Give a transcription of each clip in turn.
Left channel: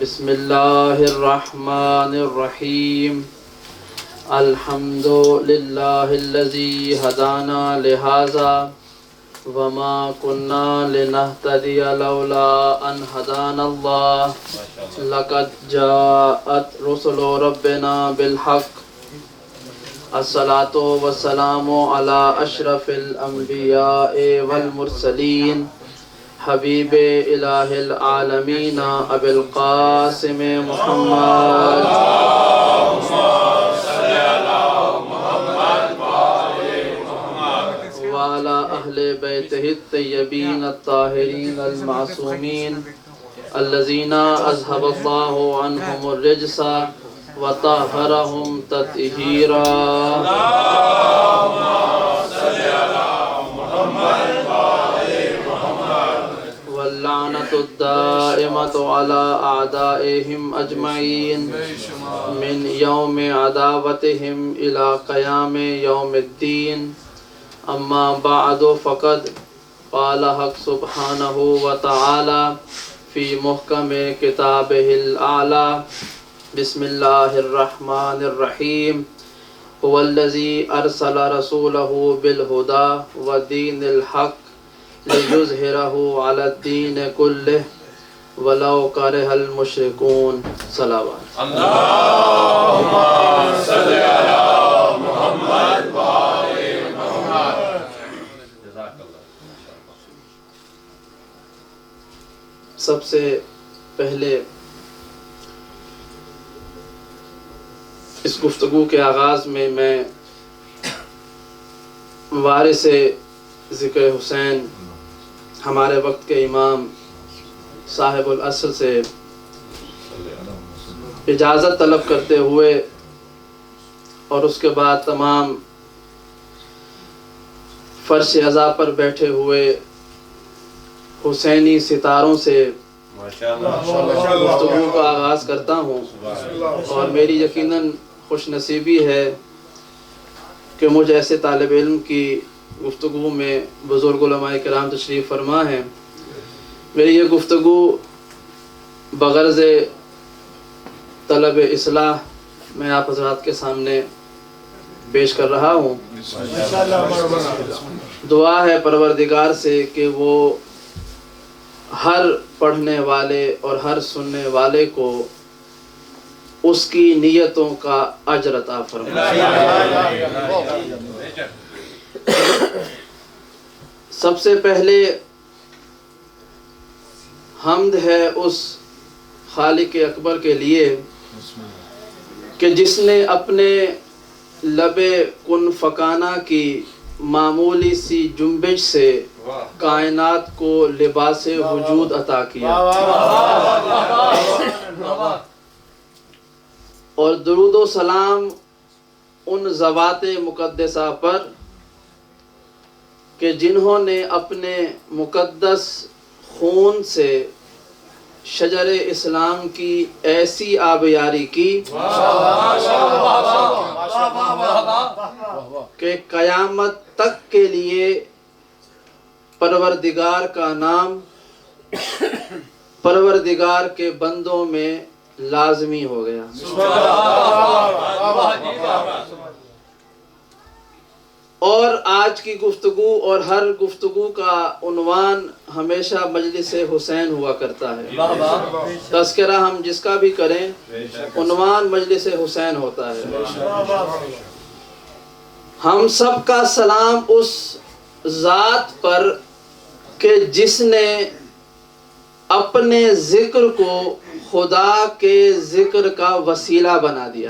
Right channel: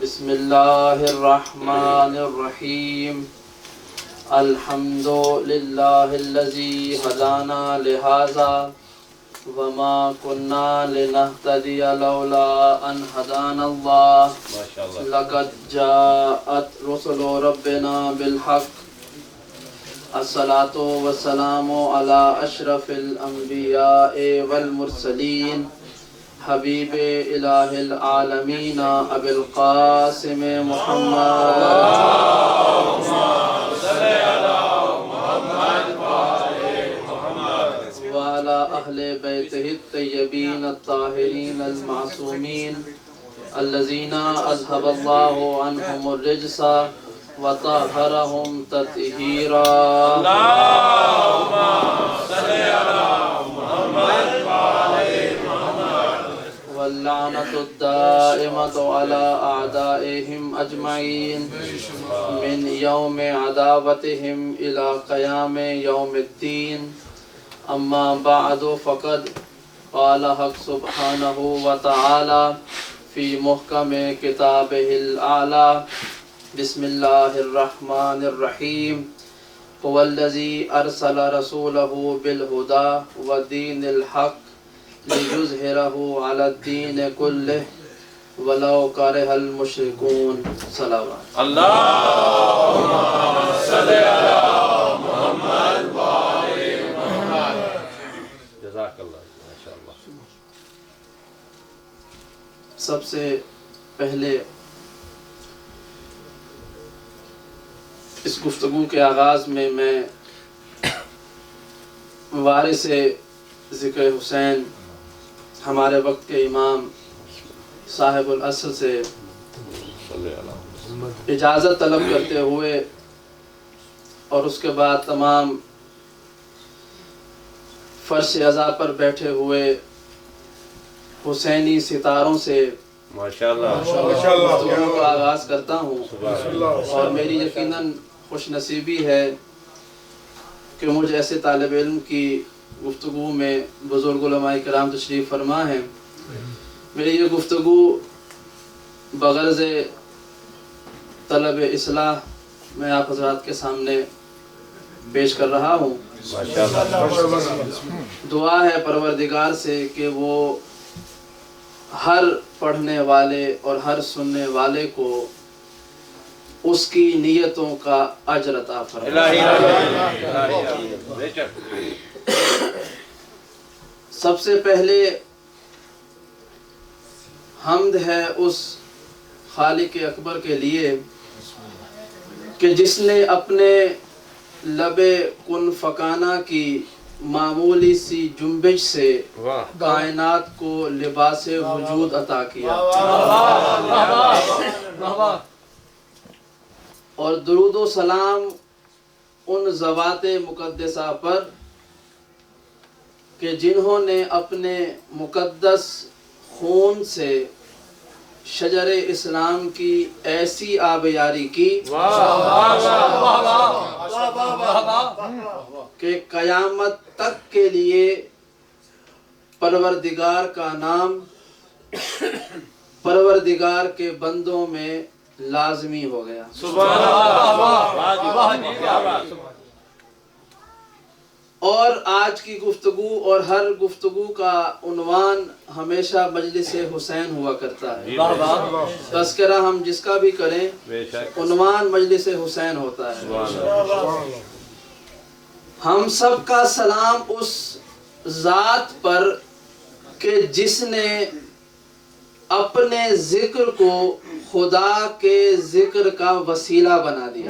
بسم اللہ الرحمن الرحیم الحمد للہ الذی ہدانا لہذا وما كنا لنهتدي لولا ان هدانا اللہ لقد جاءت رسل ربنا بالحق الصلاة والسلام على اشرف الانبیاء والمرسلین حبیب الہ العالمین ابی القاسم محمد وعلى اہل بیتہ الطیبین الطاہرین المعصومین الذین اذهب اللہ عنہم الرجس وطہرہم تطہیرا واللعنة الدائمة على أعدائهم أجمعين من يوم عداوتهم إلى قيام يوم الدين أما بعد فقد قال حق سبحانه وتعالى في محكم كتابه الأعلى بسم الله الرحمن الرحيم هو الذي أرسل رسوله بالهدى ودين الحق لِيُظْهِرَهُ عَلَى الدِّينِ كُلِّهِ وَلَوْ كَرِهَ الْمُشْرِكُونَ صلوات اللہم صلی علی محمد وآل محمد. جزاک اللہ ماشاءاللہ. سب سے پہلے اس گفتگو کے آغاز میں وارث ذکر حسین ہمارے وقت کے امام صاحب العصر سے اجازت طلب کرتے ہوئے اور اس کے بعد تمام فرش عزا پر بیٹھے ہوئے حسینی ستاروں سے گفتگو کا آغاز کرتا ہوں اور میری یقیناً خوش نصیبی ہے کہ مجھ ایسے طالب علم کی گفتگو میں بزرگ علماء کرام تشریف فرما ہیں. میری یہ گفتگو بغرض طلب اصلاح میں آپ حضرات کے سامنے پیش کر رہا ہوں. دعا ہے پروردگار سے کہ وہ ہر پڑھنے والے اور ہر سننے والے کو اس کی نیتوں کا اجر عطا فرمائے. سب سے پہلے حمد ہے اس خالق اکبر کے لیے کہ جس نے اپنے لب کن فکانہ کی معمولی سی جنبش سے کائنات کو لباس وجود عطا کیا. اور درود و سلام ان ذوات مقدسہ پر کہ جنہوں نے اپنے مقدس خون سے شجر اسلام کی ایسی آبیاری کی کہ قیامت تک کے لیے پروردگار کا نام پروردگار کے بندوں میں لازمی ہو گیا. اور آج کی گفتگو اور ہر گفتگو کا عنوان ہمیشہ مجلس حسین ہوا کرتا ہے. تذکرہ ہم جس کا بھی کریں عنوان مجلس حسین ہوتا ہے. ہم سب کا سلام اس ذات پر کہ جس نے اپنے ذکر کو خدا کے ذکر کا وسیلہ بنا دیا.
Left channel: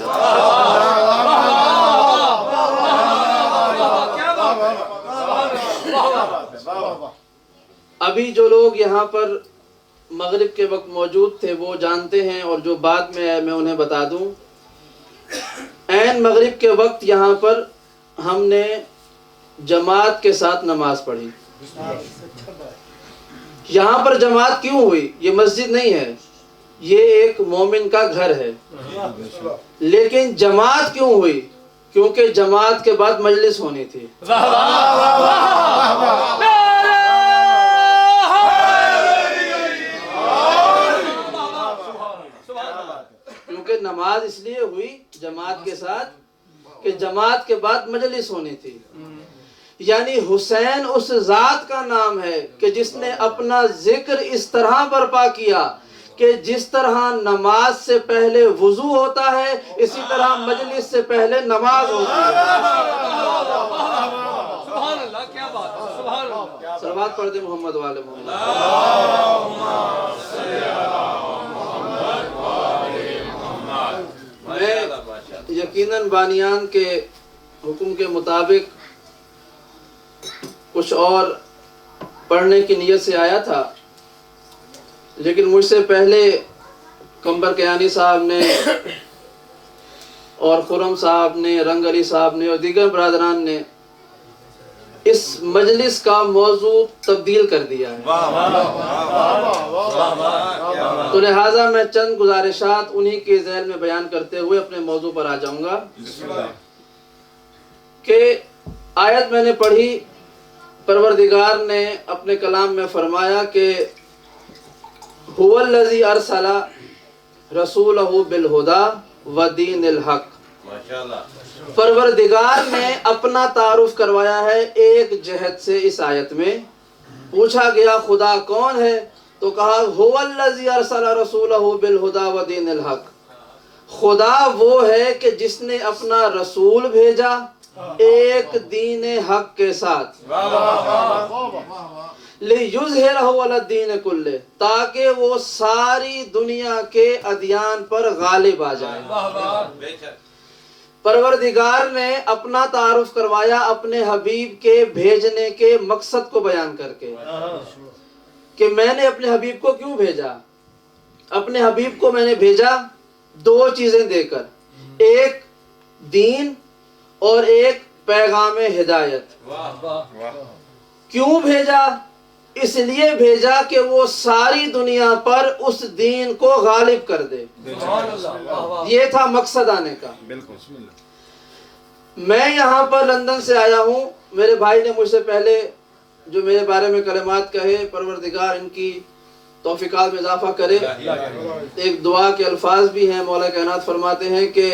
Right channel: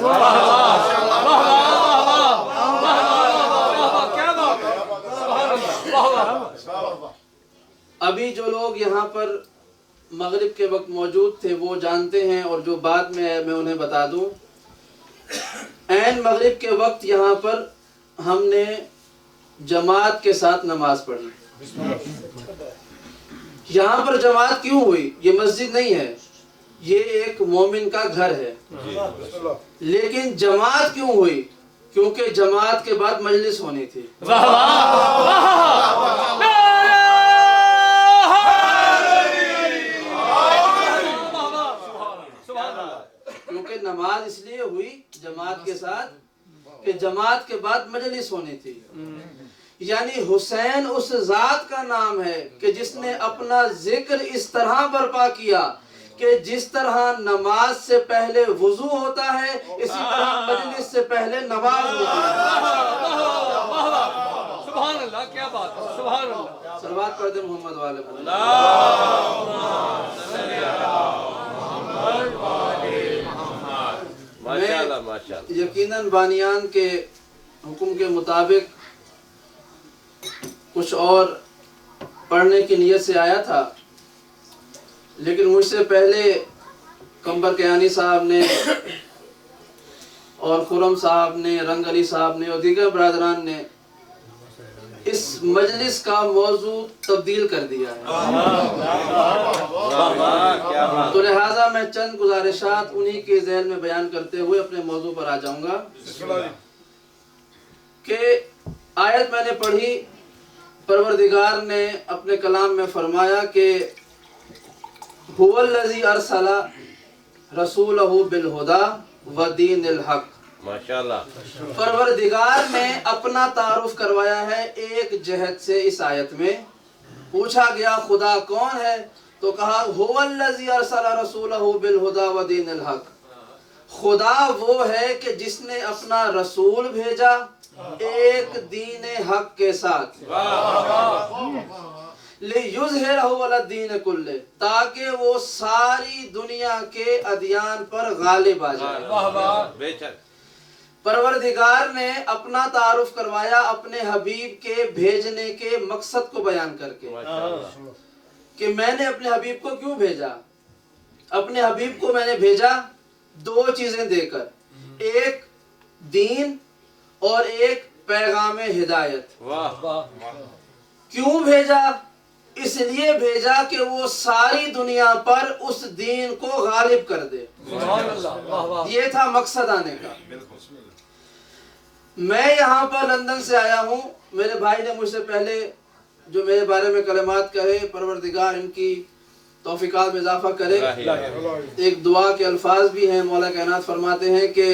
ابھی جو لوگ یہاں پر مغرب کے وقت موجود تھے وہ جانتے ہیں اور جو بعد میں انہیں بتا دوں. عین مغرب کے وقت یہاں پر ہم نے جماعت کے ساتھ نماز پڑھی. یہاں پر جماعت کیوں ہوئی؟ یہ مسجد نہیں ہے، یہ ایک مومن کا گھر ہے. لیکن جماعت کیوں ہوئی؟ کیونکہ جماعت کے بعد مجلس ہونی تھی. کیونکہ نماز اس لیے ہوئی جماعت کے ساتھ کہ جماعت کے بعد مجلس ہونی تھی. یعنی حسین اس ذات کا نام ہے کہ جس نے اپنا ذکر اس طرح برپا کیا کہ جس طرح نماز سے پہلے وضو ہوتا ہے اسی طرح مجلس سے پہلے نماز ہوتی ہے. سبحان اللہ، کیا بات ہے، سبحان اللہ. صلوات پڑھ دیں محمد والے محمد. یقیناً بانیان کے حکم کے مطابق کچھ اور پڑھنے کی نیت سے آیا تھا، لیکن مجھ سے پہلے کمبر کیانی صاحب نے اور خرم صاحب نے، رنگ علی صاحب نے اور دیگر برادران نے اس مجلس کا موضوع تبدیل کر دیا ہے. تو لہٰذا میں چند گزارشات انہی کے ذیل میں بیان کرتے ہوئے اپنے موضوع پر آ جاؤں گا کہ آیت میں نے پڑھی، پروردگار نے اپنے کلام میں فرمایا کہ هو الذی ارسل رسولہ بالہدی ودین الحق. ماشاءاللہ. پروردگار نے اپنا تعارف کروایا ہے ایک جہت سے. اس آیت میں پوچھا گیا خدا کون ہے تو کہا هو الذی ارسل رسولہ بالہدی ودین الحق. خدا وہ ہے کہ جس نے اپنا رسول بھیجا ایک دین حق کے ساتھ، لِيُظْهِرَهُ عَلَى الدِّينِ كُلِّهِ، تاکہ وہ ساری دنیا کے ادیان پر غالب آ جائے. پروردگار نے اپنا تعارف کروایا اپنے حبیب کے بھیجنے کے مقصد کو بیان کر کے کہ میں نے اپنے حبیب کو کیوں بھیجا. اپنے حبیب کو میں نے بھیجا دو چیزیں دے کر، ایک دین اور ایک پیغام ہدایت. کیوں بھیجا؟ اس لیے بھیجا کہ وہ ساری دنیا پر اس دین کو غالب کر دے. یہ تھا مقصد آنے کا. میں یہاں پر لندن سے آیا ہوں. میرے بھائی نے مجھ سے پہلے جو میرے بارے میں کلمات کہے، پروردگار ان کی توفیقات میں اضافہ کرے. ایک دعا کے الفاظ بھی ہیں. مولا کائنات فرماتے ہیں کہ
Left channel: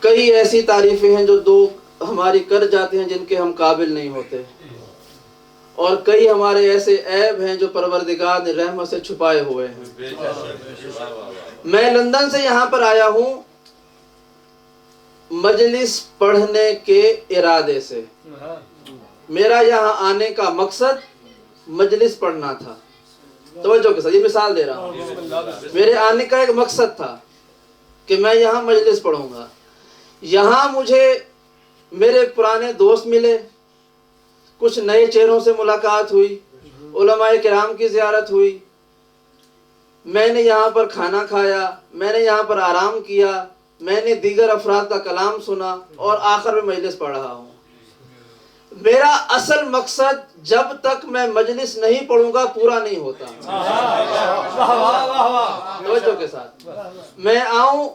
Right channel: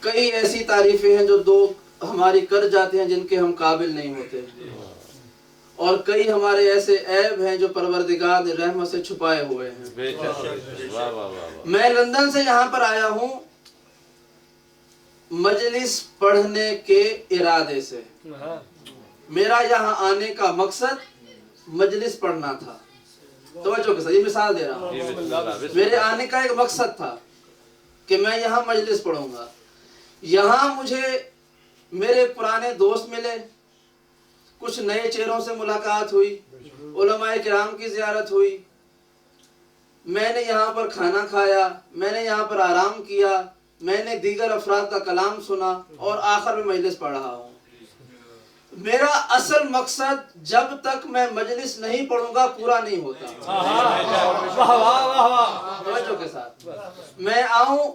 کئی ایسی تعریفیں ہیں جو دو ہماری کر جاتے ہیں جن کے ہم قابل نہیں ہوتے، اور کئی ہمارے ایسے عیب ہیں جو پروردگار نے رحمت سے چھپائے ہوئے ہیں. میں لندن سے یہاں پر آیا ہوں مجلس پڑھنے کے ارادے سے. میرا یہاں آنے کا مقصد مجلس پڑھنا تھا. توجہ کے ساتھ یہ مثال دے رہا ہوں. میرے آنے کا ایک مقصد تھا کہ میں یہاں مجلس پڑھوں گا. یہاں مجھے میرے پرانے دوست ملے، کچھ نئے چہروں سے ملاقات ہوئی، علماء کرام کی زیارت ہوئی. میں نے یہاں پر کھانا کھایا، میں نے یہاں پر آرام کیا، میں نے دیگر افراد کا کلام سنا اور آخر میں مجلس پڑھ رہا ہوں. میرا اصل مقصد جب تک میں مجلس نہیں پڑھوں گا پورا نہیں ہوتا. توجہ کے ساتھ میں آؤں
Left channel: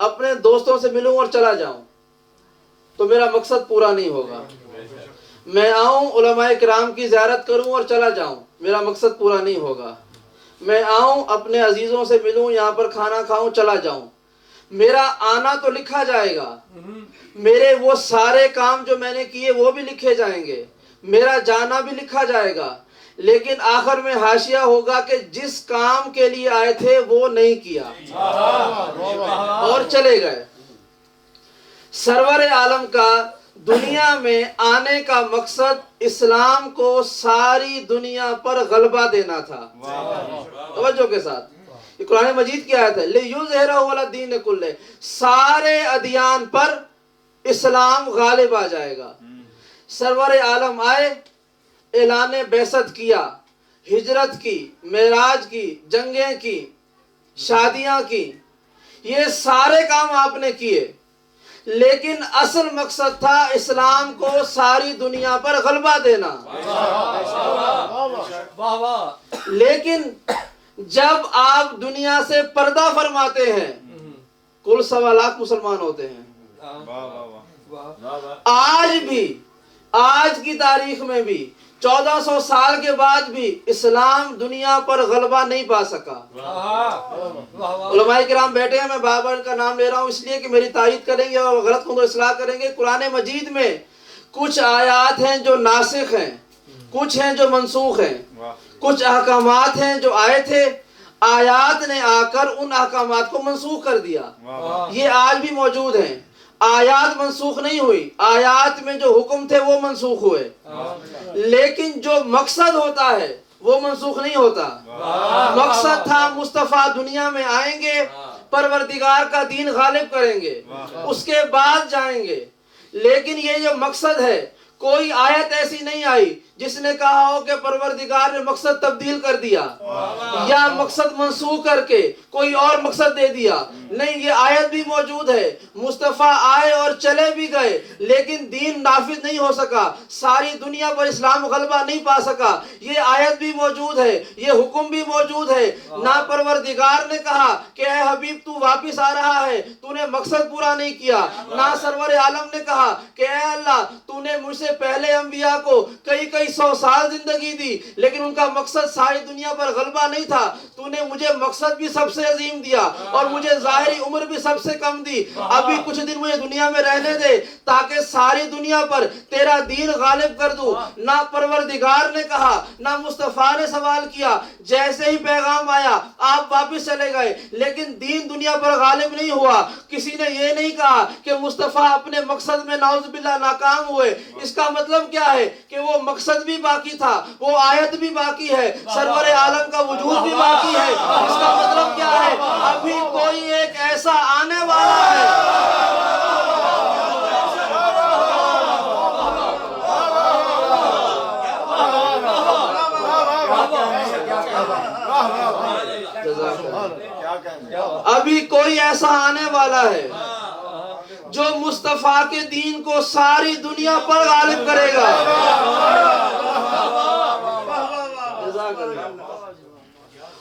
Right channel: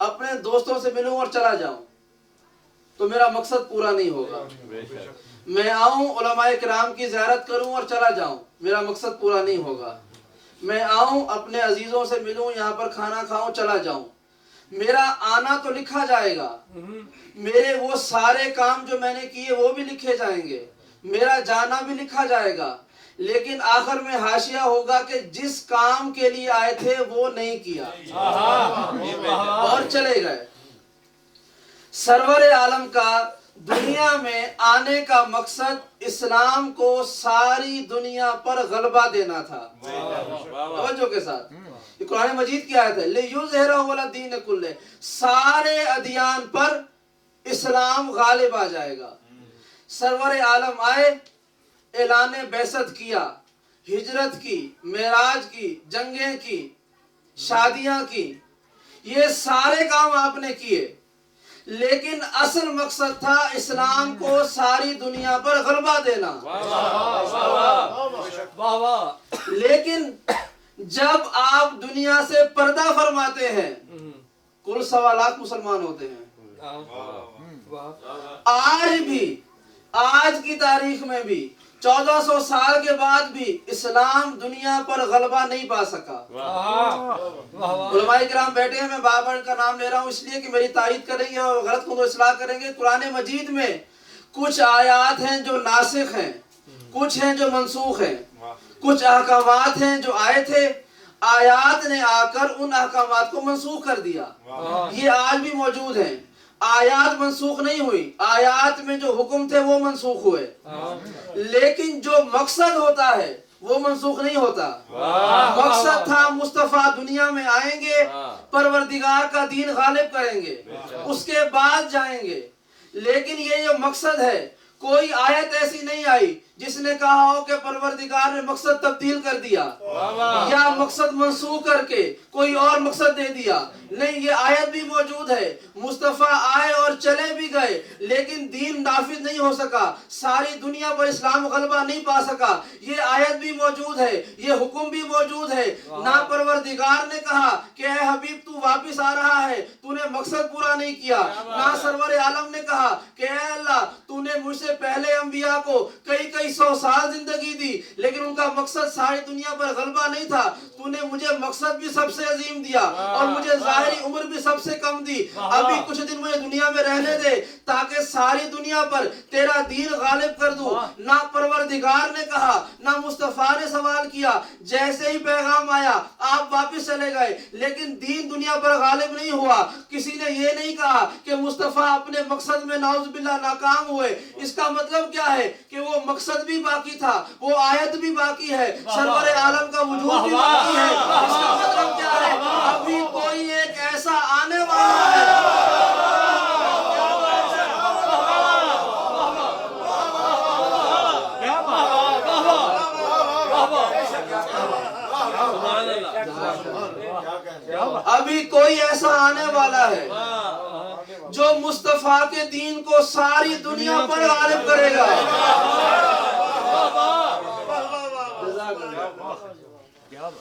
اپنے دوستوں سے ملوں اور چلا جاؤں تو میرا مقصد پورا نہیں ہوگا. میں آؤں علماء کرام کی زیارت کروں اور چلا جاؤں، میرا مقصد پورا نہیں ہوگا. میں آؤں اپنے عزیزوں سے ملوں، یہاں پر کھانا کھاؤں، چلا جاؤں، میرا آنا تو لکھا جائے گا. میرے وہ سارے کام جو میں نے کیے وہ بھی لکھے جائیں گے، میرا جانا بھی لکھا جائے گا. لیکن آخر میں حاشیہ ہوگا کہ جس کام کے لیے آئے تھے وہ نہیں کیا اور چلے گئے. سرور عالم کا دنیا میں آنے کا مقصد اسلام کو ساری دنیا پر غلبہ دینا تھا. توجہ کے ساتھ یہ قرآن مجید کی آیت ہے، لِيُظْهِرَهُ عَلَى الدِّينِ كُلِّهِ، سارے ادیان پر اسلام غالب آ جائے گا. سرور عالم آئے، اعلان بعثت کیا، ہجرت کی، معراج کی، جنگیں کی، شادیاں کی، یہ سارے کام آپ نے کیے، لیکن اصل مقصد تھا اسلام کو ساری دنیا پر غلبہ دینا. لیکن جب آپ دنیا سے پردہ فرماتے ہیں، کل 1.25 لاکھ مسلمان ہوتے ہیں، آج بھی، آج کی تاریخ میں بھی 1400 سال کے بعد بھی اسلام دنیا پر غلبہ نہیں پا سکا. علماء کرام بیٹھے ہیں، میں بابر کا نام لے رہا ہوں اس لیے کہ میری تائید کریں گے اور غلط کو اصلاح کریں گے۔ قرآن مجید میں کچھ آیات ہیں جو ناسخ ہیں، کچھ ہیں جو منسوخ ہیں، کچھ احکامات ہیں جو آئے تھے، آیات نے آ کر ان احکامات کو منسوخ کر دیا۔ یہ آج بھی موجود ہیں، آیات منسوخ نہیں ہوئی، آیات میں جو حکم تھے وہ منسوخ ہوئے، لیکن جو مقصد ہوتا ہے وہ منسوخ نہیں ہوتا۔ مقصد تھا مصطفیٰ دنیا میں آئیں گے، پروردگار کا دین غالب کریں گے، اس کے بعد جائیں گے، لیکن یہ جو مقصد ہے، کوئی آیت ایسی نہیں آئی جس نے کہا ہو کہ پروردگار نے مقصد تبدیل کر دیا یا مقصد منسوخ کر کے کوئی اور مقصد دے دیا۔ نہیں، یہ آیت بھی موجود ہے، مصطفیٰ آئے اور چلے بھی گئے لیکن دین نافذ نہیں ہو سکا، ساری دنیا پر اسلام غلبہ نہیں پا سکا۔ یہ آیت بھی موجود ہے، یہ حکم بھی موجود ہے۔ نہ پروردگار نے کہا کہ اے حبیب تو واپس آ رہا ہے، تو نے مقصد پورا نہیں کیا، نہ سرور عالم نے کہا کہ اے اللہ تو نے مجھ سے پہلے انبیاء کو کئی 100 سال زندگی دی لیکن ان کا مقصد ساری دنیا پر غلبہ نہیں تھا، تو نے مجھے مقصد بھی سب سے عظیم دیا اور مجھے ظاہری عمر بھی سب سے کم دی، ابھی کچھ دن مجھے دنیا میں رہنے دے تاکہ ساری دنیا پر تیرا دین غالب کر دوں۔ نہ پروردگار نے کہا، نہ مصطفیٰ نے سوال کیا، جیسے ہی پیغام آیا آپ واپس چلے گئے لیکن دین دنیا پر غالب نہیں ہوا۔ کسی نے یہ نہیں کہا کہ مصطفیٰ اپنے مقصد میں نعوذ باللہ ناکام ہوئے۔ اس کا مطلب کیا ہے کہ وہ مقصد بھی باقی تھا، وہ آیت بھی باقی ہے، سرور عالم کا وجود بھی باقی ہے۔ اس کا مطلب کیا ہے؟ ابھی کوئی ایک ایسا آنے والا ہے۔ ابھی کوئی ایسا آنے والا ہے جو مصطفیٰ کے دین کو ساری دنیا پر غالب کرے گا۔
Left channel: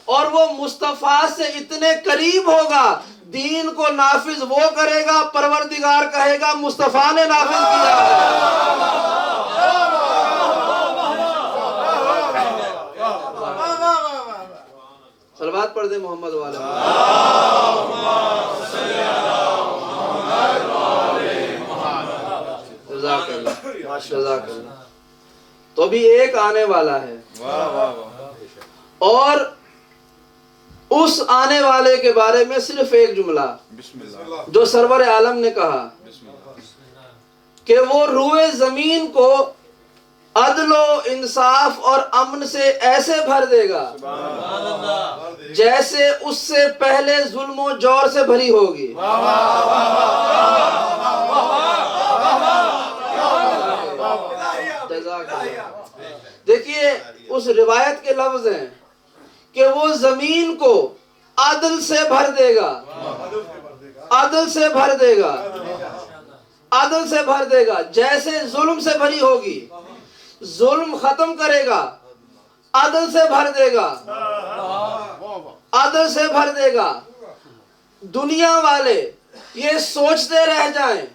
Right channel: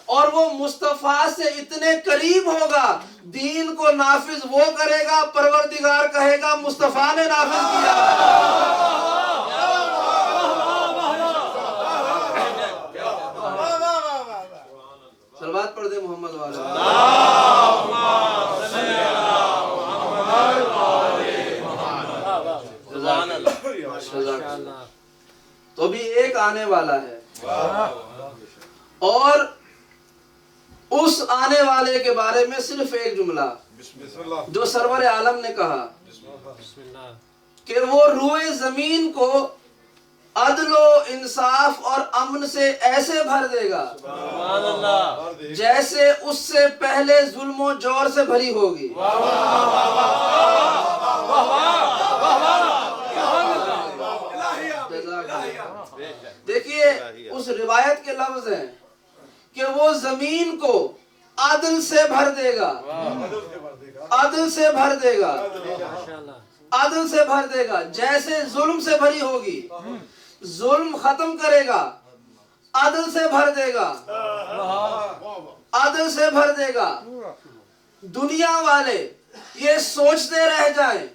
اور وہ مصطفیٰ سے اتنے قریب ہوگا، دین کو نافذ وہ کرے گا، پروردگار کہے گا مصطفیٰ نے نافذ کیا۔ صلوات پڑھ دے محمد والا۔ تو بھی ایک آنے والا ہے، اور اس آنے والے کے بارے میں صرف ایک جملہ جو سرور عالم نے کہا کہ وہ روئے زمین کو عدل و انصاف اور امن سے ایسے بھر دے گا جیسے اس سے پہلے ظلم و جور سے بھری ہوگی۔ دیکھیے اس روایت کے لفظ ہیں کہ وہ زمین کو عدل سے بھر دے گا، عدل سے بھر دے گا، عدل سے بھر دے گا، جیسے ظلم سے بھری ہوگی، ظلم ختم کرے گا، عدل سے بھر دے گا، عدل سے بھر دے گا۔ دنیا والے یہ سوچتے رہ جائیں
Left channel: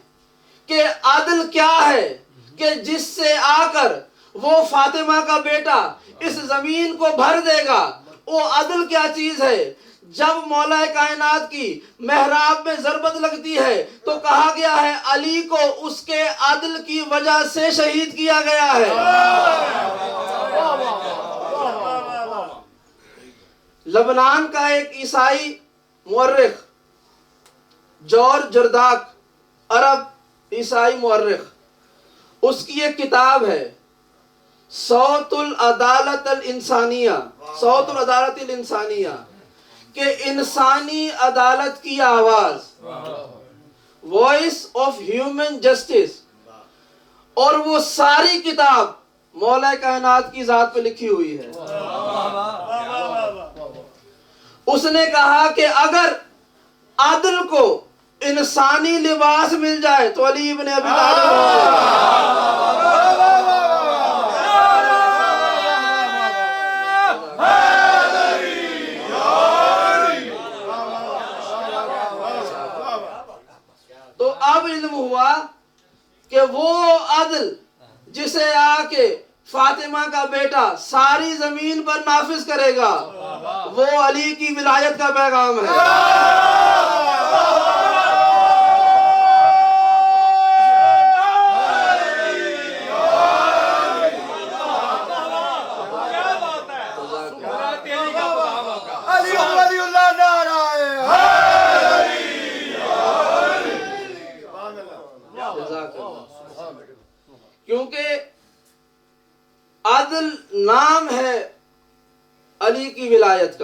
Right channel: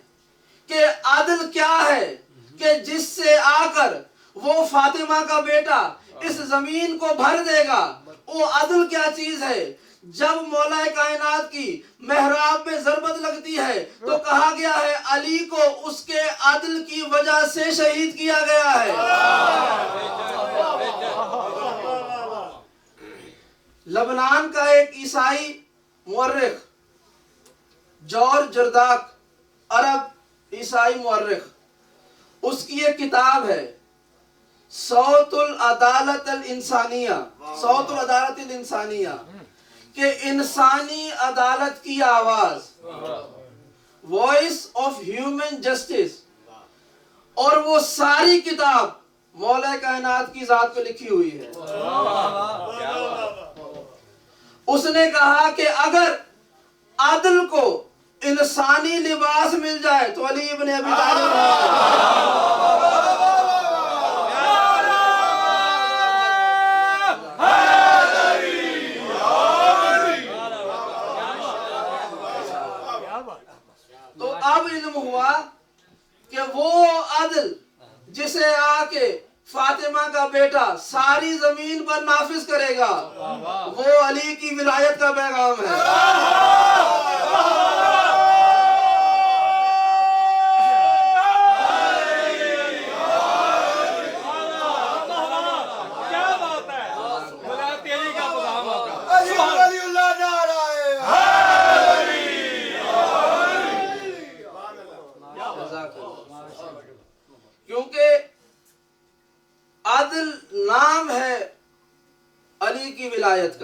کہ عدل کیا ہے کہ جس سے آ کر وہ فاطمہ کا بیٹا اس زمین کو بھر دے گا، وہ عدل کیا چیز ہے؟ جب مولا کائنات کی محراب میں ضربت لگتی ہے تو کہا گیا ہے علی کو اس کے عدل کی وجہ سے شہید کیا گیا ہے۔ لبنان کا ایک عیسائی مورخ جورج جرداق، عرب عیسائی مورخ، اس کی ایک کتاب ہے صوت العدالت الانسانیہ، صوت العدالت الانسانیہ، کہ انسانی عدالت کی آواز، وائس آف ہیومن جسٹس، اور وہ ساری کتاب مولا کائنات کی ذات پہ لکھی ہوئی ہے۔ اس نے کہا کہ اگر عدل کو انسانی لباس مل جائے تو علی ابن ابی طالب تو اب علم ہوا کہ وہ عدل جسے آ کے فاطمہ کا بیٹا ساری زمین پر نافذ کرے گا وہ علی کی ولایت کا پیغام ہے۔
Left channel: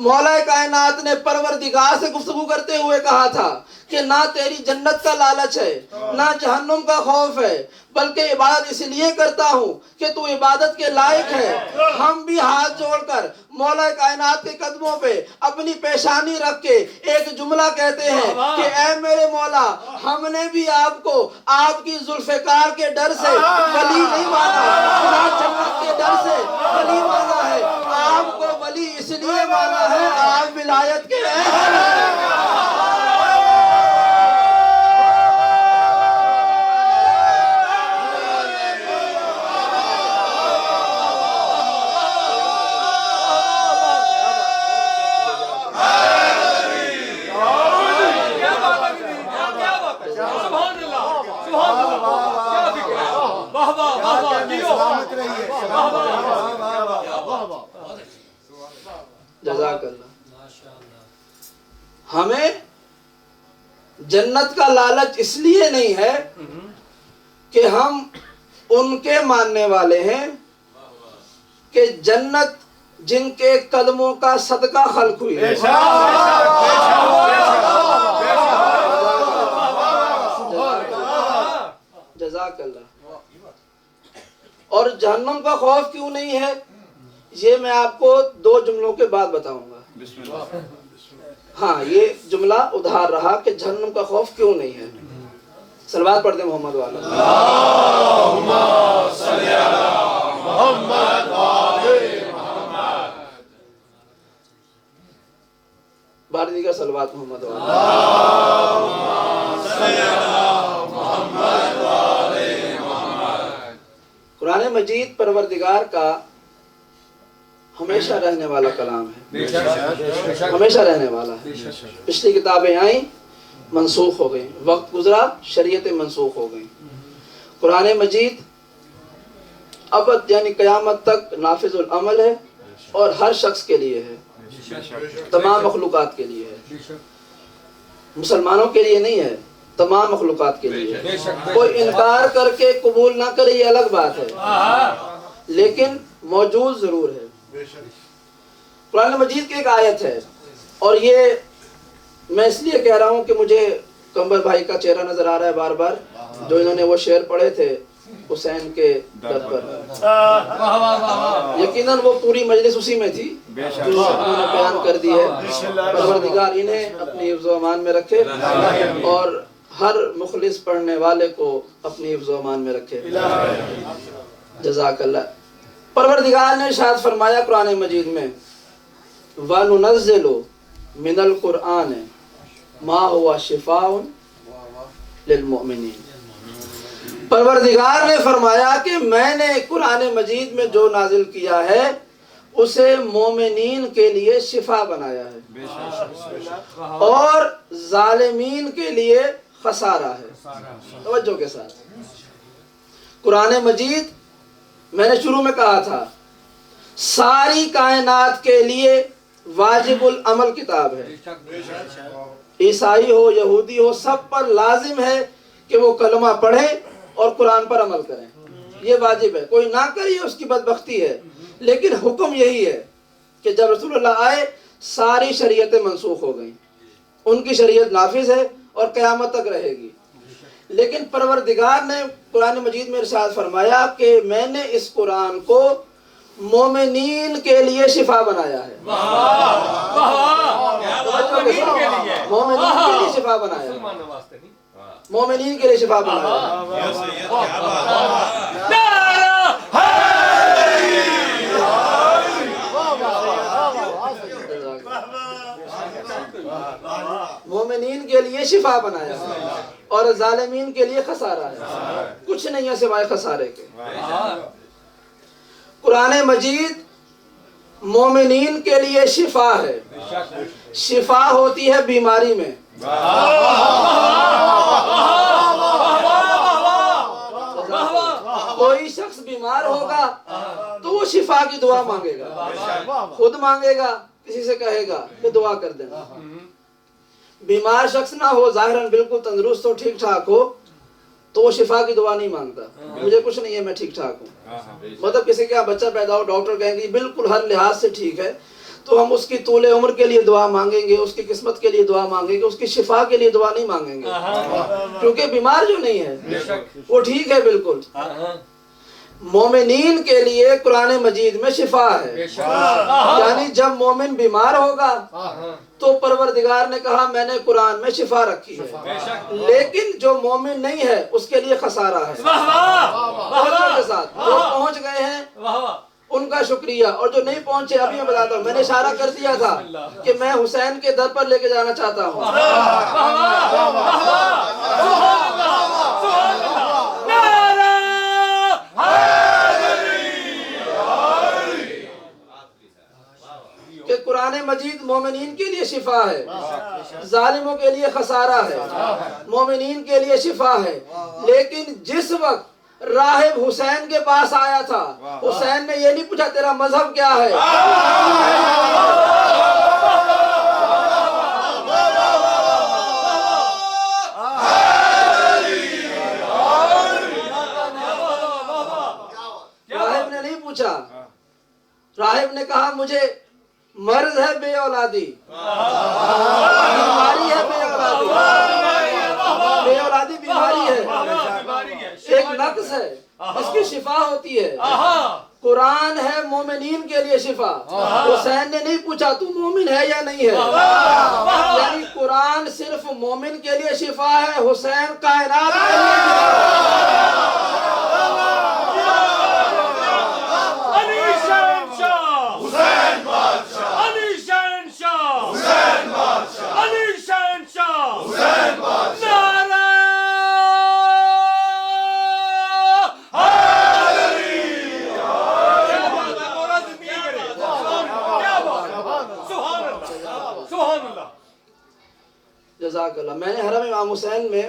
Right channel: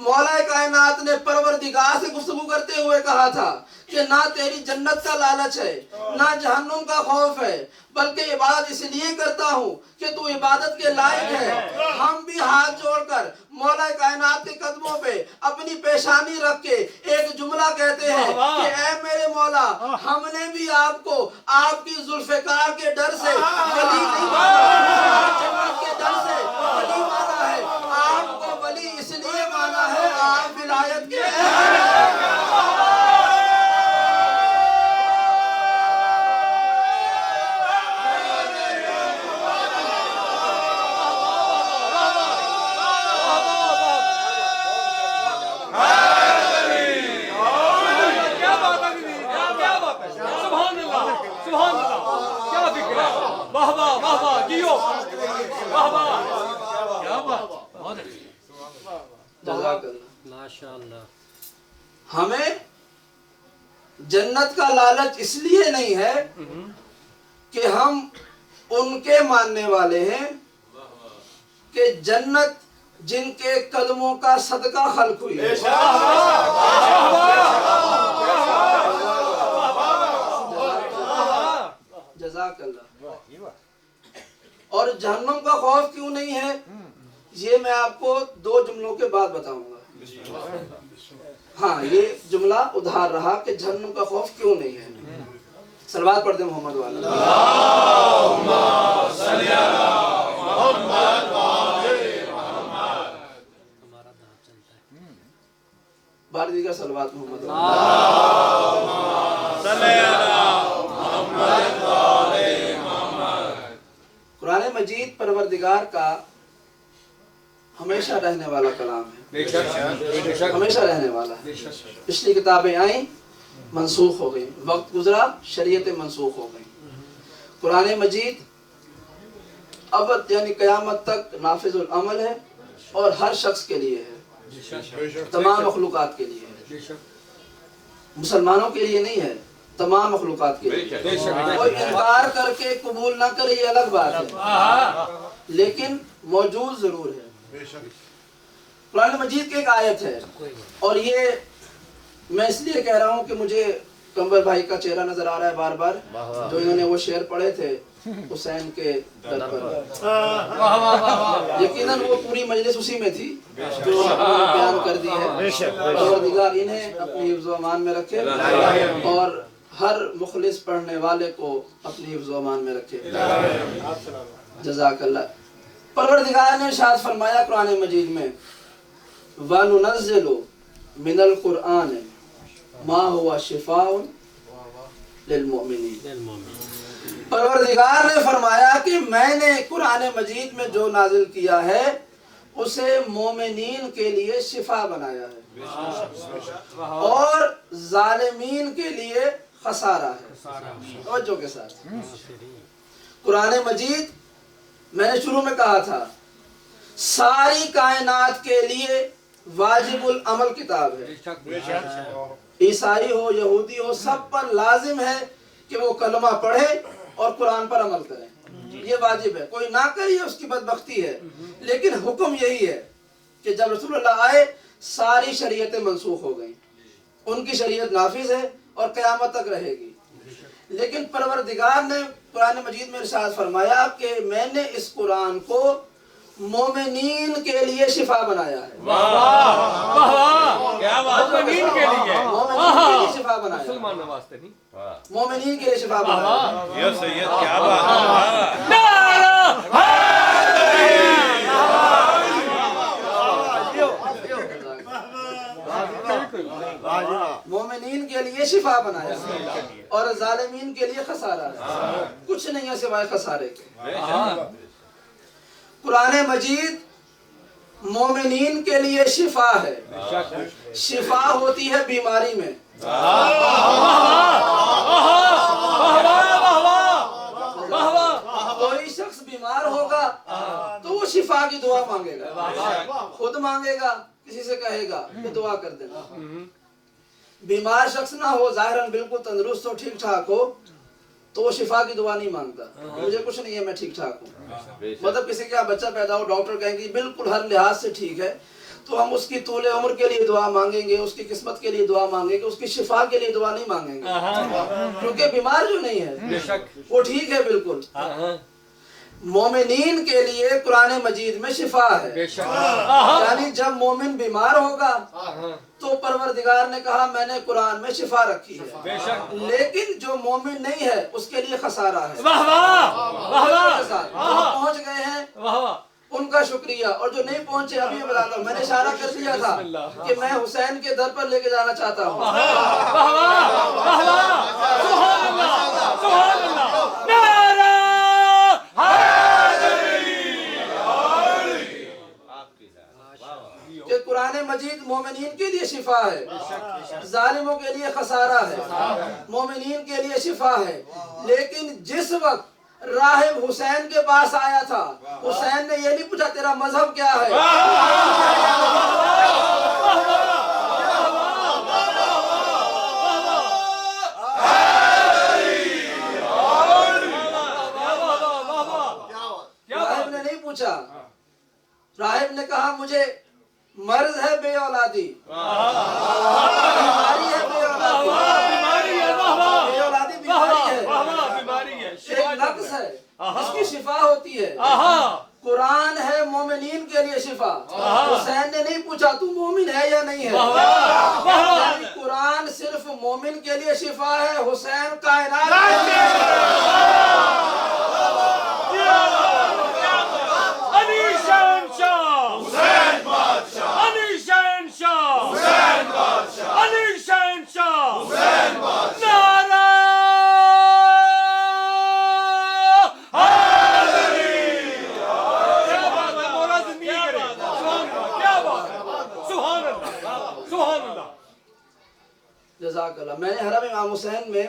مولا کائنات نے پروردگار سے گفتگو کرتے ہوئے کہا تھا کہ نہ تیری جنت کا لالچ ہے نہ جہنم کا خوف ہے، بلکہ عبادت اس لیے کرتا ہوں کہ تو عبادت کے لائق ہے۔ ہم بھی ہاتھ جوڑ کر مولا کائنات کے قدموں پہ اپنی پیشانی رکھ کے ایک جملہ کہتے ہیں کہ اے میرے مولا، ہم نے بھی آپ کو آپ کی ذوالفقار کے ڈر سے ولی نہیں مانا، جنت کے ڈر سے ولی مانا ہے، آپ کو ولی اس لیے مانا ہے آپ ولایت کے جزاک اللہ۔ ہمیں جنت کا لالچ اس لیے نہیں ہے کہ ہم ان کے ماننے والے ہیں کہ جنت جن کے کلموں کا صدقہ خلق ہوئی ہے، جزاک اللہ۔ اور جہنم کا خوف کیوں نہیں ہے، یہ میں آپ کو 2 جملوں کے بعد بتاؤں گا۔ ہاں، یہ جملہ ادھار رہا کہ جہنم کا خوف کیوں نہیں ہے۔ صلوات پڑھ دیں محمد والا۔ اللہم صلی علی محمد وآلِ محمد۔ بار دیگر صلوات محمد والا۔ اللہم صلی علی محمد وآلِ محمد۔ قرآن مجید پروردگار کا ہمیشہ رہنے والا کلام ہے، ہمیشہ رہنے والا ہے۔ پچھلی کتابیں آئیں، منسوخ ہو گئیں، وقت گزرا، شریعتیں منسوخ ہو گئیں۔ قرآن مجید ابد یعنی قیامت تک نافذ العمل ہے اور ہر شخص کے لیے ہے، تمام مخلوقات کے لیے ہے، مسلمانوں کے لیے نہیں ہے، تمام مخلوقات کے لیے۔ کوئی انکار کر کے قبول نہ کرے یہ الگ بات ہے، لیکن موجود ضرور ہے۔ قرآن مجید کی ایک آیت ہے، اور یہ میں اس لیے کہہ رہا ہوں کہ مجھے کمبر بھائی کا چہرہ نظر آ رہا ہے بار بار، جو انہوں نے وہ شعر پڑھے تھے حسین کے در پر، یقیناً وہ پوری مجلس اسی میں تھی جو انہوں نے بیان کر دی ہے۔ پروردگار انہیں اپنی حفظ و امان میں رکھے اور ہر مخلص پڑھنے والے کو اپنی حفظ و امان میں رکھے، جزاک اللہ۔ پروردگار نے ارشاد فرمایا قرآن مجید میں، وَنُنَزِّلُ مِنَ الْقُرْآنِ مَا هُوَ شِفَاءٌ لِلْمُؤْمِنِينَ۔ پروردگار نے فرمایا کہ میں نے قرآن مجید میں جو نازل کیا ہے اسے مومنین کے لیے شفا بنایا ہے اور ظالمین کے لیے خسارہ ہے۔ توجہ کے ساتھ، قرآن مجید میں نے شروع میں کہا تھا ساری کائنات کے لیے واجب العمل کتاب ہے، عیسائی ہو یہودی ہو سب پر لازم ہے کہ وہ کلمہ پڑھیں اور قرآن پر عمل کریں، یہ واجب ہے، کوئی نہ کرے اس کی بدبختی ہے۔ لیکن حکم یہی ہے کہ جب رسول اللہ آئے ساری شریعتیں منسوخ ہو گئیں، ان کی شریعت نافذ ہے اور قیامت تک رہے گی۔ لیکن پروردگار نے قرآن مجید میں ارشاد فرمایا کہ میں نے اس قرآن کو مومنین کے لیے شفا بنایا ہے، مومنین کے لیے شفا بنایا ہے، مومنین کے لیے شفا بنایا ہے۔ یا سید کیا بات مومنین کے لیے شفا بنایا ہے اور ظالمین کے لیے خسارہ ہے، کچھ نہیں ہے سوائے خسارے کے۔ قرآن مجید مومنین کے لیے شفا ہے، شفا ہوتی ہے بیماری میں، کوئی شخص بیمار ہوگا تو وہ شفا کی دعا مانگے گا، خود مانگے گا، کسی سے کہے گا کہ دعا کر دینا۔ بیمار شخص نہ ہو، ظاہراً بالکل تندرست ہو، ٹھیک ٹھاک ہو، تو وہ شفا کی دعا نہیں مانگتا، مجھے کچھ نہیں ہے میں ٹھیک ٹھاک ہوں۔ مطلب کسی کا بچہ پیدا ہو ڈاکٹر کہیں گے بالکل ہر لحاظ سے ٹھیک ہے، تو ہم اس کی طول عمر کے لیے دعا مانگیں گے, اس کی قسمت کے لیے دعا مانگیں گے, اس کی شفا کے لیے دعا نہیں مانگیں گے, کیونکہ بیمار جو نہیں ہے وہ ٹھیک ہے بالکل. مومنین کے لیے قرآن مجید میں شفا ہے, یعنی جب مومن بیمار ہوگا تو پروردگار نے کہا میں نے قرآن میں شفا رکھی ہے, لیکن جو مومن نہیں ہے اس کے لیے خسارہ ہے. جو پہنچ گئے ہیں ان کا شکریہ, اور جو نہیں پہنچے ابھی میں بلاتا ہوں. میں نے اشارہ کر دیا تھا کہ میں حسین کے در پر لے کے جانا چاہتا ہوں. کہ قرآن مجید مومنین کے لیے شفا ہے, ظالموں کے لیے خسارہ ہے, مومنین کے لیے شفا ہے. لیکن جس وقت راہب حسین کے پاس آیا تھا, حسین نے یہ نہیں پوچھا تیرا مذہب کیا ہے, راہب نے نہیں پوچھا. راہب نے کہا مجھے مرض ہے بے اولادی, بیماری ہے بے اولادی, بیماری ہے, ایک نقص ہے, اس کی شفا ہوتی ہے. قرآن ہے مومنین کے لیے شفا. حسین نے نہیں پوچھا تو مومن ہے یا نہیں ہے, یعنی قرآن صرف مومن کے لیے شفا ہے, حسین کائنات کے جزاک اللہ. میں نے حرم امام حسین میں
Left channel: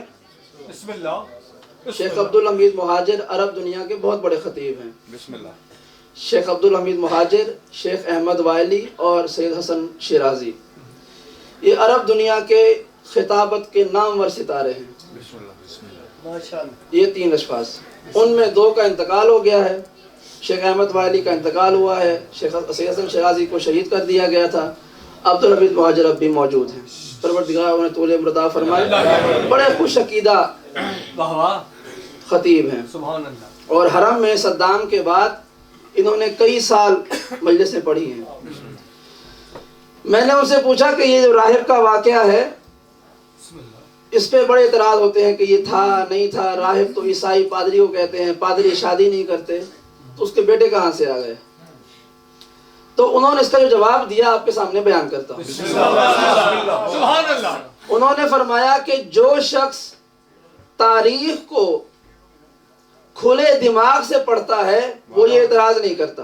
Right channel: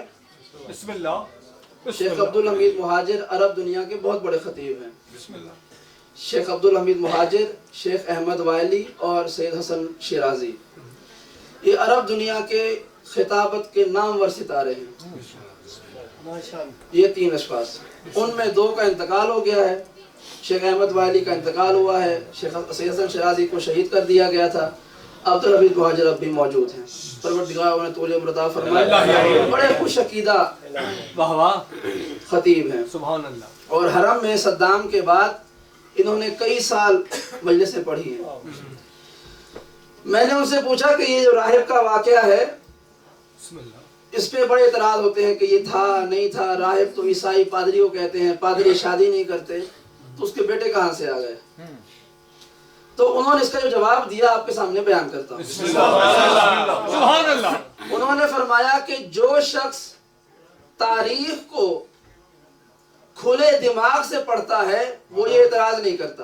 بسم اللہ شیخ عبدالحمید مہاجر عرب دنیا کے بہت بڑے خطیب ہیں. بسم اللہ. شیخ عبدالحمید مہاجر, شیخ احمد وائلی اور سید حسن شیرازی, یہ عرب دنیا کے خطابت کے نامور ستارے ہیں. یہ 3 اشخاص, ان میں 2 کا انتقال ہو گیا ہے. شیخ احمد وائلی کا انتقال ہوا ہے, شیخ سید حسن شیرازی کو شہید کر دیا گیا تھا. عبدالحمید مہاجر اب بھی موجود ہیں, پروردگار انہیں طول عمر عطا فرمائے. بڑے خوش عقیدہ خطیب ہیں, سبحان اللہ. اور حرم میں صدام کے بعد انہوں نے کئی سال مجلسیں پڑھی ہیں. میں نے ان سے پوچھا کہ یہ جو راہب کا واقعہ ہے اس پہ بڑے اعتراض ہوتے ہیں کہ یہ تھا نہیں تھا. راہب تو عیسائی پادری کو کہتے ہیں, پادری شادی نہیں کرتے, تو اس کے بیٹے کہاں سے آ گئے؟ تو انہوں نے اس کا جو جواب دیا آپ کے سامنے بیان کرتا ہوں. سبحان اللہ. انہوں نے فرمایا کہ جو شخص تاریخ کو کھلے دماغ سے پڑھتا ہے وہ یہ اعتراض نہیں کرتا.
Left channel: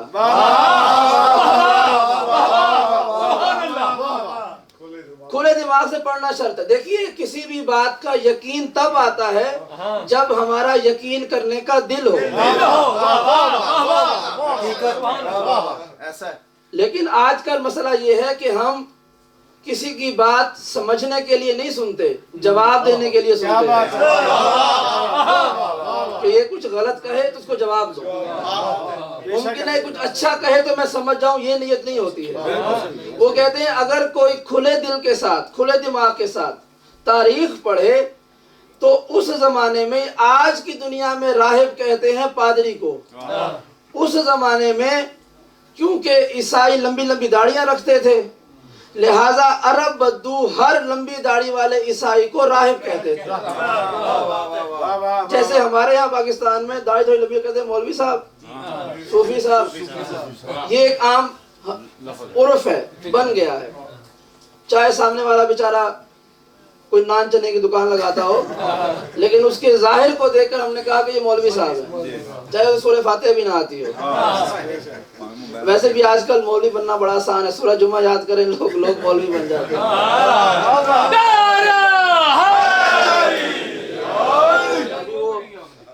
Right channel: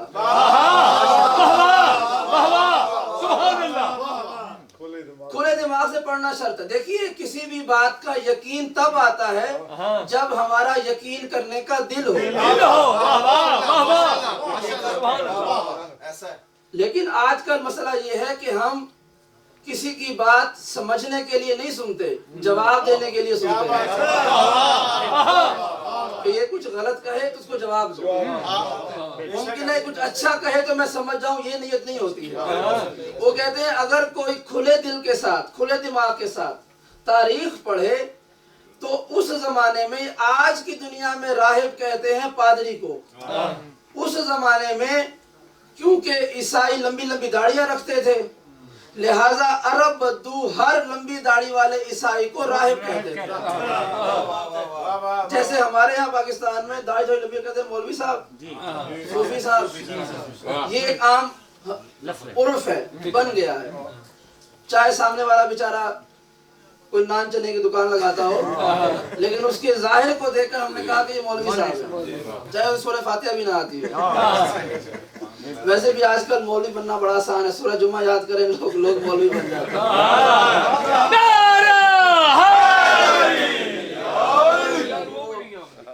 کھلے دماغ سے پڑھنا شرط ہے. دیکھیے کسی بھی بات کا یقین تب آتا ہے جب ہمارا یقین کرنے کا دل ہو. لیکن آج کل مسئلہ یہ ہے کہ ہم کسی کی بات سمجھنے کے لیے نہیں سنتے, جواب دینے کے لیے سنتے ہیں کہ یہ کچھ غلط کہے تو اس کو جواب دو. ممکن ہے کچھ اچھا کہے تو میں سمجھ جاؤں, یہ نیت نہیں ہوتی ہے. وہ کہتے ہیں اگر کوئی کھلے دل کے ساتھ, کھلے دماغ کے ساتھ تاریخ پڑھے تو اس زمانے میں, آج کی دنیا میں راہب کہتے ہیں پادری کو, اس زمانے میں کیونکہ عیسائی لمبی لمبی داڑیاں رکھتے تھے لہٰذا عرب بدو ہر لمبی داڑھی والے عیسائی کو راہب کہتے تھے. جیسے ہمارے یہاں پاکستان میں داڑھی تھوڑی لمبی کہتے ہیں مولوی صاحب, صوفی صاحب, یہ ایک عام عرف ہے, بن گیا ہے. چاہے سامنے والا بیچارہ کوئی نان چنے کی دکان لگاتا ہو, لیکن اس کے ظاہر کو دیکھ کر ہم نے کہا کہ یہ مولوی صاحب ہے, چاہے سورہ فاتحہ بھی نہ آتی ہے. ویسے بھی آج کل مولوی بننا بڑا آسان ہے, سورہ جمعہ یاد کریں لوگ مولوی بن جاتے ہیں.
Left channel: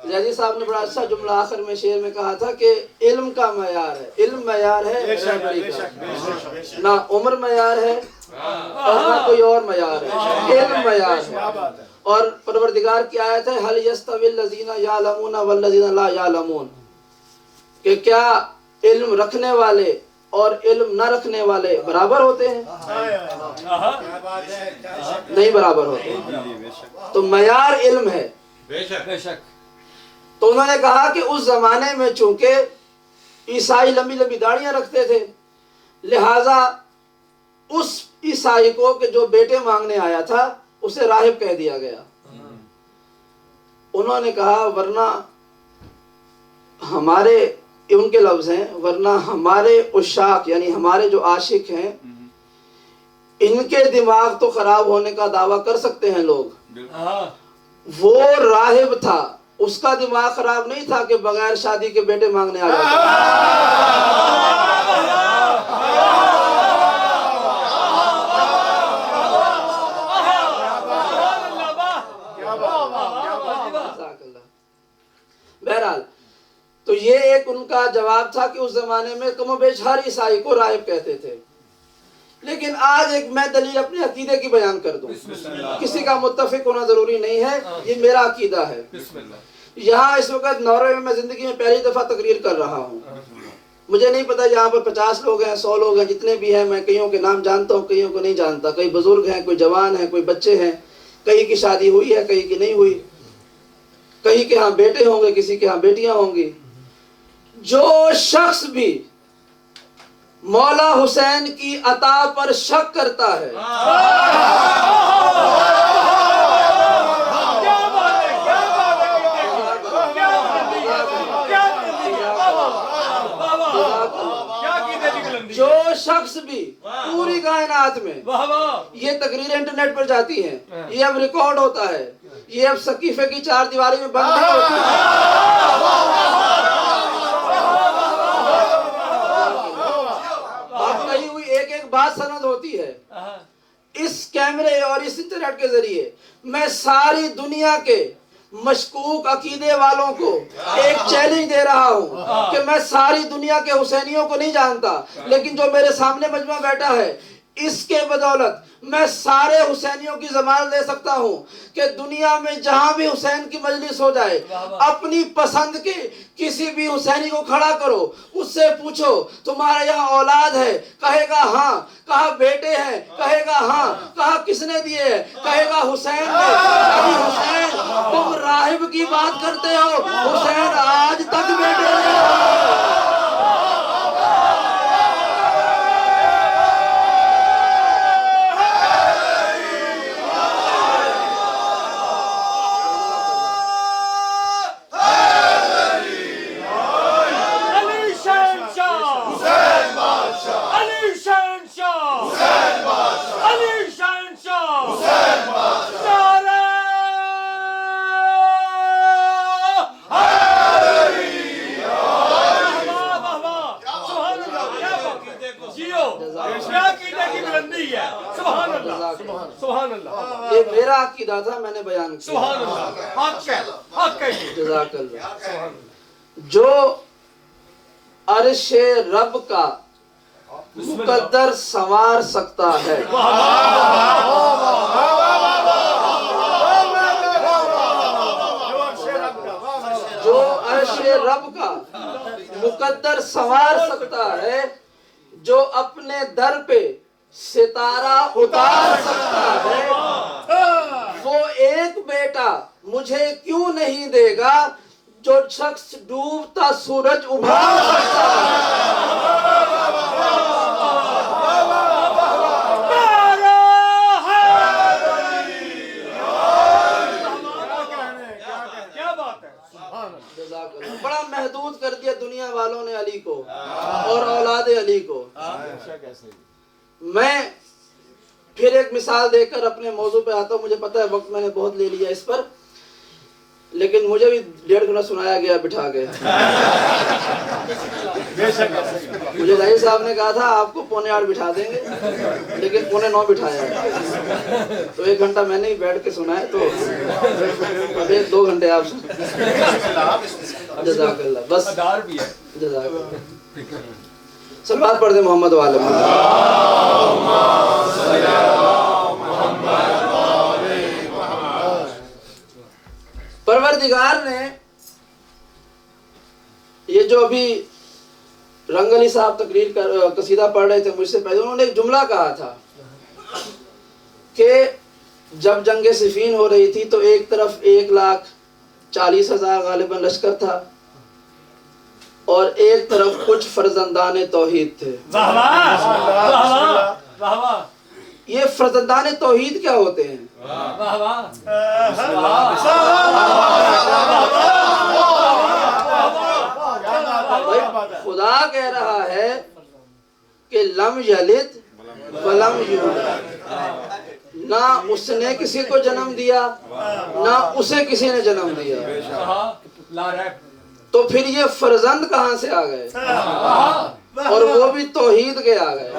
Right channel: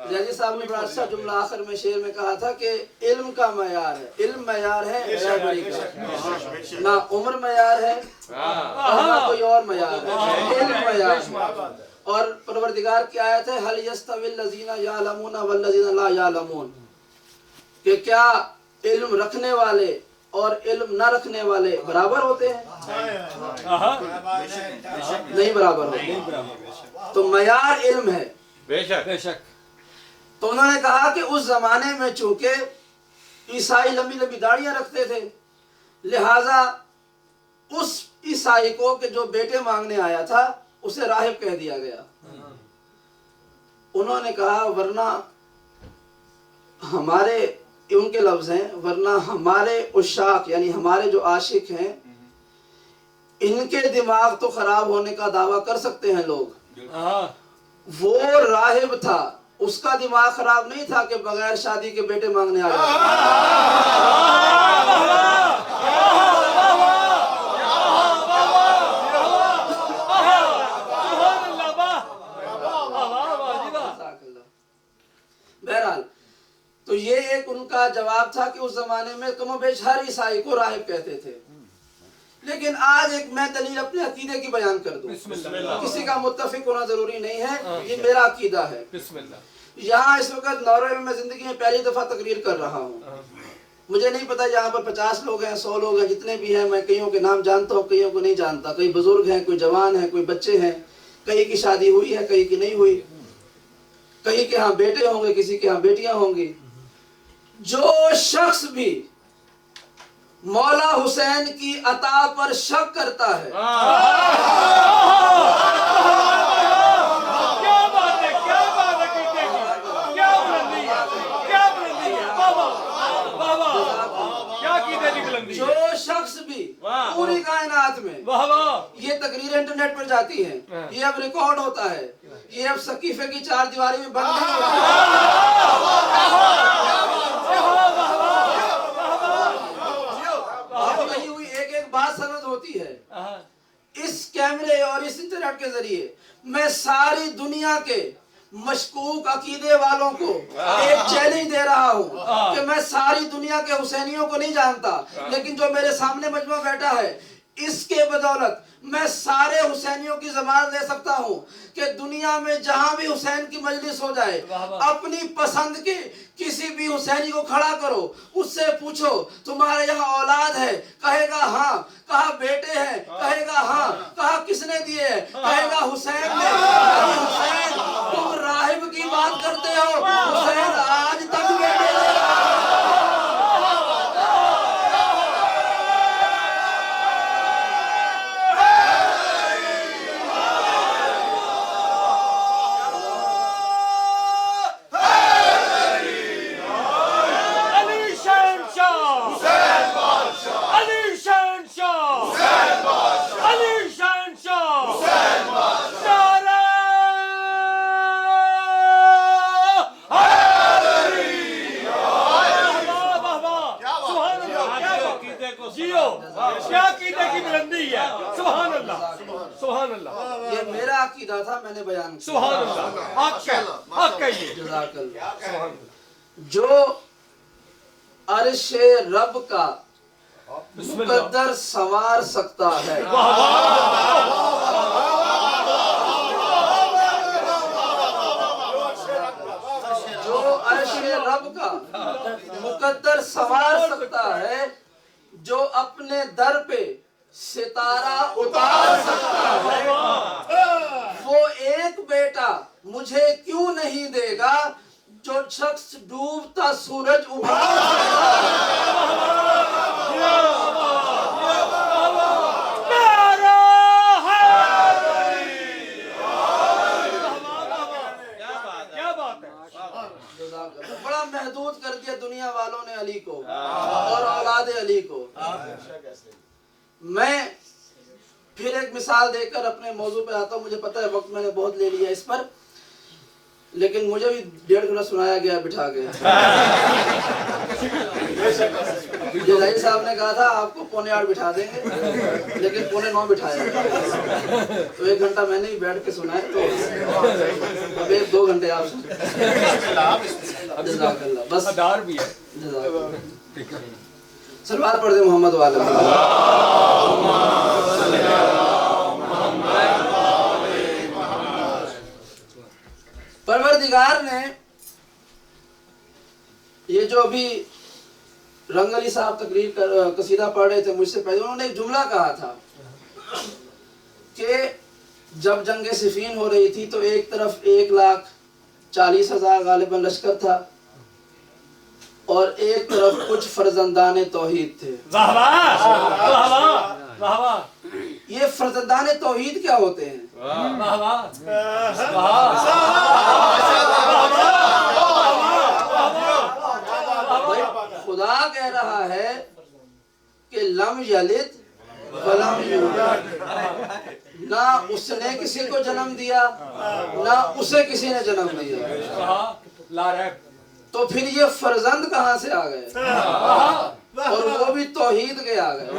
جیسے صاحب نے بڑا اچھا جملہ آخر میں شعر میں کہا تھا کہ علم کا معیار ہے, علم معیار ہے, نہ عمر معیار ہے اور نہ کوئی اور معیار ہے, علم معیار ہے. اور پروردگار کی آیت ہے هل يستوي الذين يعلمون والذين لا يعلمون, کہ کیا علم رکھنے والے اور علم نہ رکھنے والے برابر ہوتے ہیں؟ نہیں برابر ہوتے. تو معیار علم ہے. بے شک بے شک. تو انہوں نے کہا کہ اس زمانے میں چونکہ عیسائی لمبی لمبی داڑیاں رکھتے تھے، لہذا اس عیسائی کو کہ جو بیٹے مانگنے آیا تھا اسے راہب کہہ دیا گیا. انہوں نے کہا ورنہ ہمارے، ان کے لفظ ہیں، ورنہ ہمارے عشاق یعنی ہمارے جو عاشق ہیں ان کے دماغ تو خراب ہونے کا دعویٰ کر سکتے ہیں لوگ، وہ راہب تھا، اس کا دماغ خراب نہیں تھا کہ بغیر شادی کے بیٹے مانگنے آ جاتا. بہرحال تو یہ ایک ان کا جواب تھا کہ اس زمانے میں کم و بیش ہر عیسائی کو راہب کہتے تھے. لیکن آج ایک میں دلیل اپنے عقیدے کی بیان کر دوں، کسی کا متفق ہونا ضروری نہیں ہے، یہ میرا عقیدہ ہے. یہاں اس وقت ناروے میں زندگی میں پہلی دفعہ تقریر کر رہا ہوں. مجھے نہیں پتا یہاں پر 50 لوگ ہیں، 100 لوگ ہیں، جتنے بھی ہیں میں کئیوں کے نام جانتا ہوں، کئیوں کو نہیں جانتا. کئی بزرگ ہیں، کوئی جوان ہیں، کوئی بچے ہیں، کئی کی شادی ہوئی ہے، کئی کی نہیں ہوئی، کئی کے ہاں بیٹے ہوں گے، کسی کے ہاں بیٹیاں ہوں گی. جو شخص بھی مولا حسین کی عطا پر شک کرتا ہے، جو شخص بھی پوری کائنات میں، یہ تقریر انٹرنیٹ پر جاتی ہیں، یہ اب ریکارڈ ہوتا ہے، یہ اب سقیفے کی 4 دیواری میں بند نہیں ہوتی ہے. کہی ہوئی ایک ایک بات سند ہوتی ہے. اس کیمرے اور اس انٹرنیٹ کے ذریعے میں ساری دنیا کے مشکوک عقیدے والوں کو ایک چیلنج دے رہا ہوں کہ میں ساری دنیا کے حسینیوں کو نہیں جانتا، لیکن جو میرے سامنے مجمع بیٹھا ہے اس کے بدولت میں سارے حسینیوں کی ضمانت دے سکتا ہوں کہ دنیا میں جہاں بھی حسین کی مجلس ہو جائے، اپنی پسند کے کسی بھی حسینی کو کھڑا کرو، اس سے پوچھو تمہارے یہاں اولاد ہے، کہے گا ہاں. کہا بیٹے ہیں، کہے گا ہاں. کہا کس نے دیے، کہے گا حسین نے. حسین تم راہب کی بات کرتے ہو، حسین آج تک بیٹے ہیں. یہ میرا عقیدہ تھا، میں نے بیان کیا. سبحان اللہ. حق ہے، حق ہے یہ. جزاک اللہ. جو عرش رب کا مقدر سنوار سکتا ہے، جو عرش رب کا مقدر سنوار سکتا ہے، جو اپنے در پہ ستارہ اتار سکتا ہے، وہ ایک بیٹا مجھے کیوں نہیں دے گا جو شخص ڈوبتا سورج ابھار سکتا ہے. بڑا محدود کر دیا دنیا والوں نے علی کو اور اولاد علی کو. میں پھر ایک مثال دے کر اپنے موضوع پہ آتا ہوں. مجھے پتا ہے وقت میں نے بہت لے لیا اس پر، لیکن مجھے بھی 1.5 گھنٹہ سنایا گیا بٹھا کے. مجھے ظاہر صاحب نے کہا تھا آپ کو 7:45 بٹھا دیں گے، لیکن 8:45 بٹھایا. تو 1 گھنٹہ میں نے بیٹھ کے سنا ہے، تو اب 2 گھنٹے آپ جزاک اللہ. بس ادار بھی ہے. جزاک اللہ. صلوات پڑھ دیں محمد والے. پروردگار نے یہ جو ابھی رنگ علی صاحب تقریر قصیدہ پڑھ رہے تھے مجھ سے پہلے، انہوں نے ایک جملہ کہا تھا کہ جب جنگ صفین ہو رہی تھی تو ایک طرف 1,40,000 غالباً لشکر تھا اور ایک طرف کچھ فرزندان توحید تھے۔ واہ واہ واہ واہ واہ واہ، یہ فرزندان توحید کیا ہوتے ہیں؟ واہ واہ خدا کہہ رہا ہے کہ لم یلد ولم یولد، نہ اس نے کسی کو جنم دیا نہ اسے کسی نے جنم دیا، لا ریب، تو پھر یہ فرزند کہاں سے آ گئے؟ اور وہ بھی توحید کے آ گئے۔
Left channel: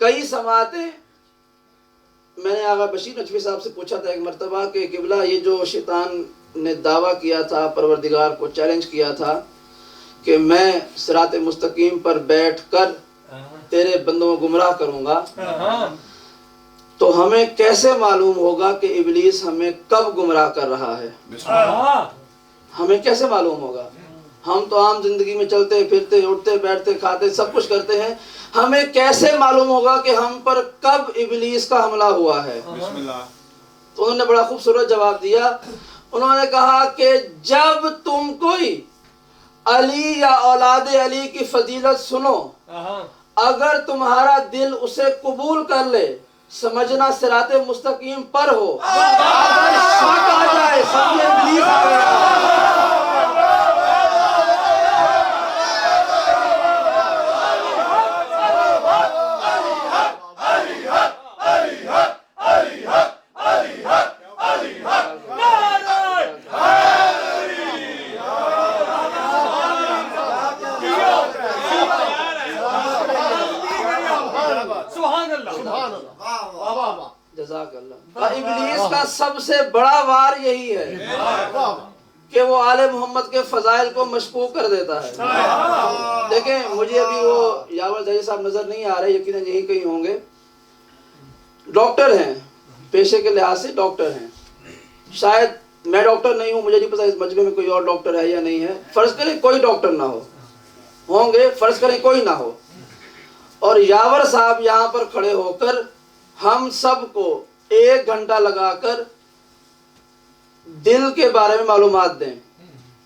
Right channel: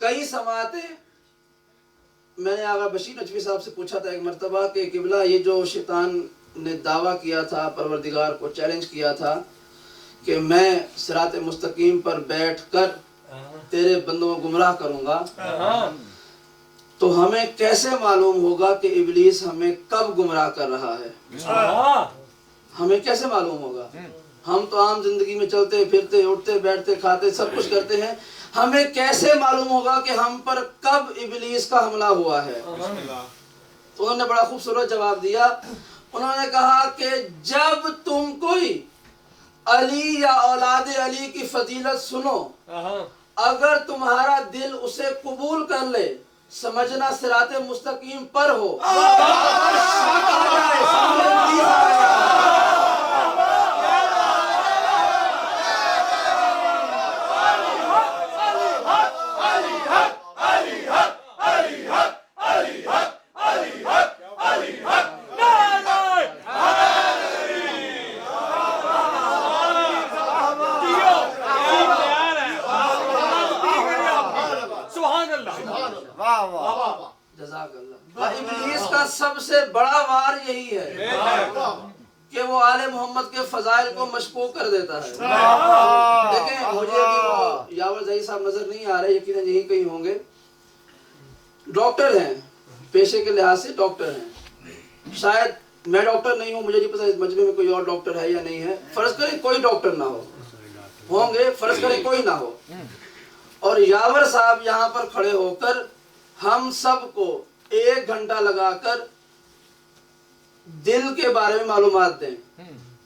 کئی سماعتیں میں نے آغا بشیر نجوی صاحب سے پوچھا تھا ایک مرتبہ کہ قبلہ یہ جو شیطان نے دعویٰ کیا تھا، پروردگار کو چیلنج کیا تھا کہ میں صراط مستقیم پر بیٹھ کر تیرے بندوں کو گمراہ کروں گا، تو ہمیں کیسے معلوم ہوگا کہ ابلیس ہمیں کب گمراہ کر رہا ہے؟ ہمیں کیسے معلوم ہوگا؟ ہم تو عام زندگی میں چلتے پھرتے اٹھتے بیٹھتے کھاتے سب کچھ کرتے ہیں، ہمیں کیسے معلوم ہوگا کہ ہم پر کب ابلیس کا حملہ ہوا ہے؟ تو انہوں نے بڑا خوبصورت جواب دیا، انہوں نے کہا کہ جب تم کوئی علی یا اولاد علی کی فضیلت سنو، اگر تمہارا دل اسے قبول کر لے، سمجھنا صراط مستقیم پر ہو، جزاک اللہ۔ ابلیس کا سب سے بڑا وار یہی ہے کہ وہ آل محمد کے فضائل کو مشکوک کر دیتا ہے۔ دیکھیں مجھے ابھی وہ یاور ظہیر صاحب نظر نہیں آ رہے، یقیناً یہی کہیں ہوں گے، ڈاکٹر ہیں، پیشے کے لحاظ سے ڈاکٹر ہیں، شاید میں ڈاکٹر نہیں ہوں، مجھے نہیں پتا اس مجمع میں کوئی اور ڈاکٹر ہے یا نہیں ہے، فرض کریں کوئی ڈاکٹر نہ ہو، ہوں گے، فرض کریں کوئی نہ ہو، اور یاور صاحب یہاں پر کھڑے ہو کر ہم سب کو 1 گھنٹہ لگا کر دل کے بارے میں معلومات دیں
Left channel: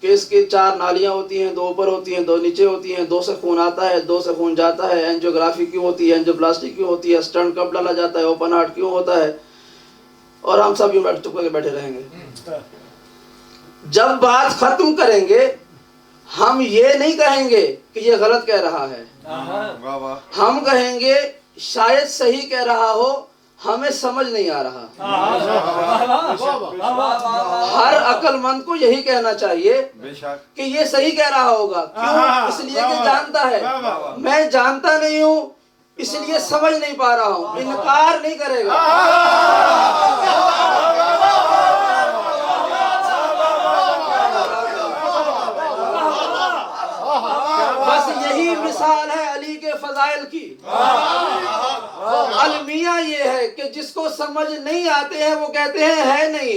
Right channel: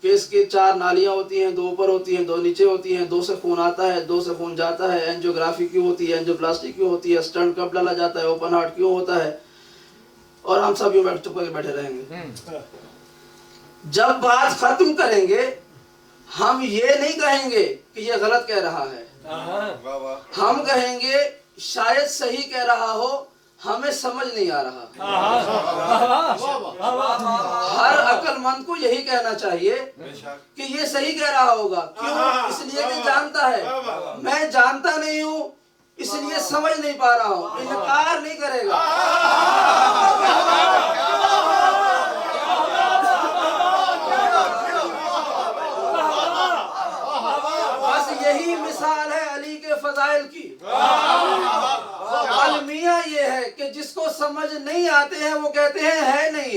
کہ اس کی 4 نالیاں ہوتی ہیں، 2 اوپر ہوتی ہیں، 2 نیچے ہوتی ہیں، 2 سے خون آتا ہے، 2 سے خون جاتا ہے، اینجیوگرافی کیوں ہوتی ہے، اینجیوپلاسٹی کیوں ہوتی ہے، اسٹنٹ کب ڈالا جاتا ہے، اوپن ہارٹ کیوں ہوتا ہے، اور ہم سب یوں چپ کے بیٹھے رہیں گے۔ جب بات ختم کریں گے ہم یہ نہیں کہیں گے کہ یہ غلط کہہ رہا ہے، ہم کہیں گے شاید صحیح کہہ رہا ہو، ہمیں سمجھ نہیں آ رہا۔ ہر عقل مند کو یہی کہنا چاہیے کہ یہ صحیح کہہ رہا ہوگا، کیوں؟ اس لیے کہ جانتا ہے، میں جانتا نہیں ہوں اس لیے سمجھ نہیں پا رہا ہوں، انکار نہیں کرے گا۔ بس یہی مثال ہے علی کے فضائل کی۔ المیہ یہ ہے کہ جس کو سمجھ نہیں آتے ہیں وہ کہتے ہیں ہے نہیں،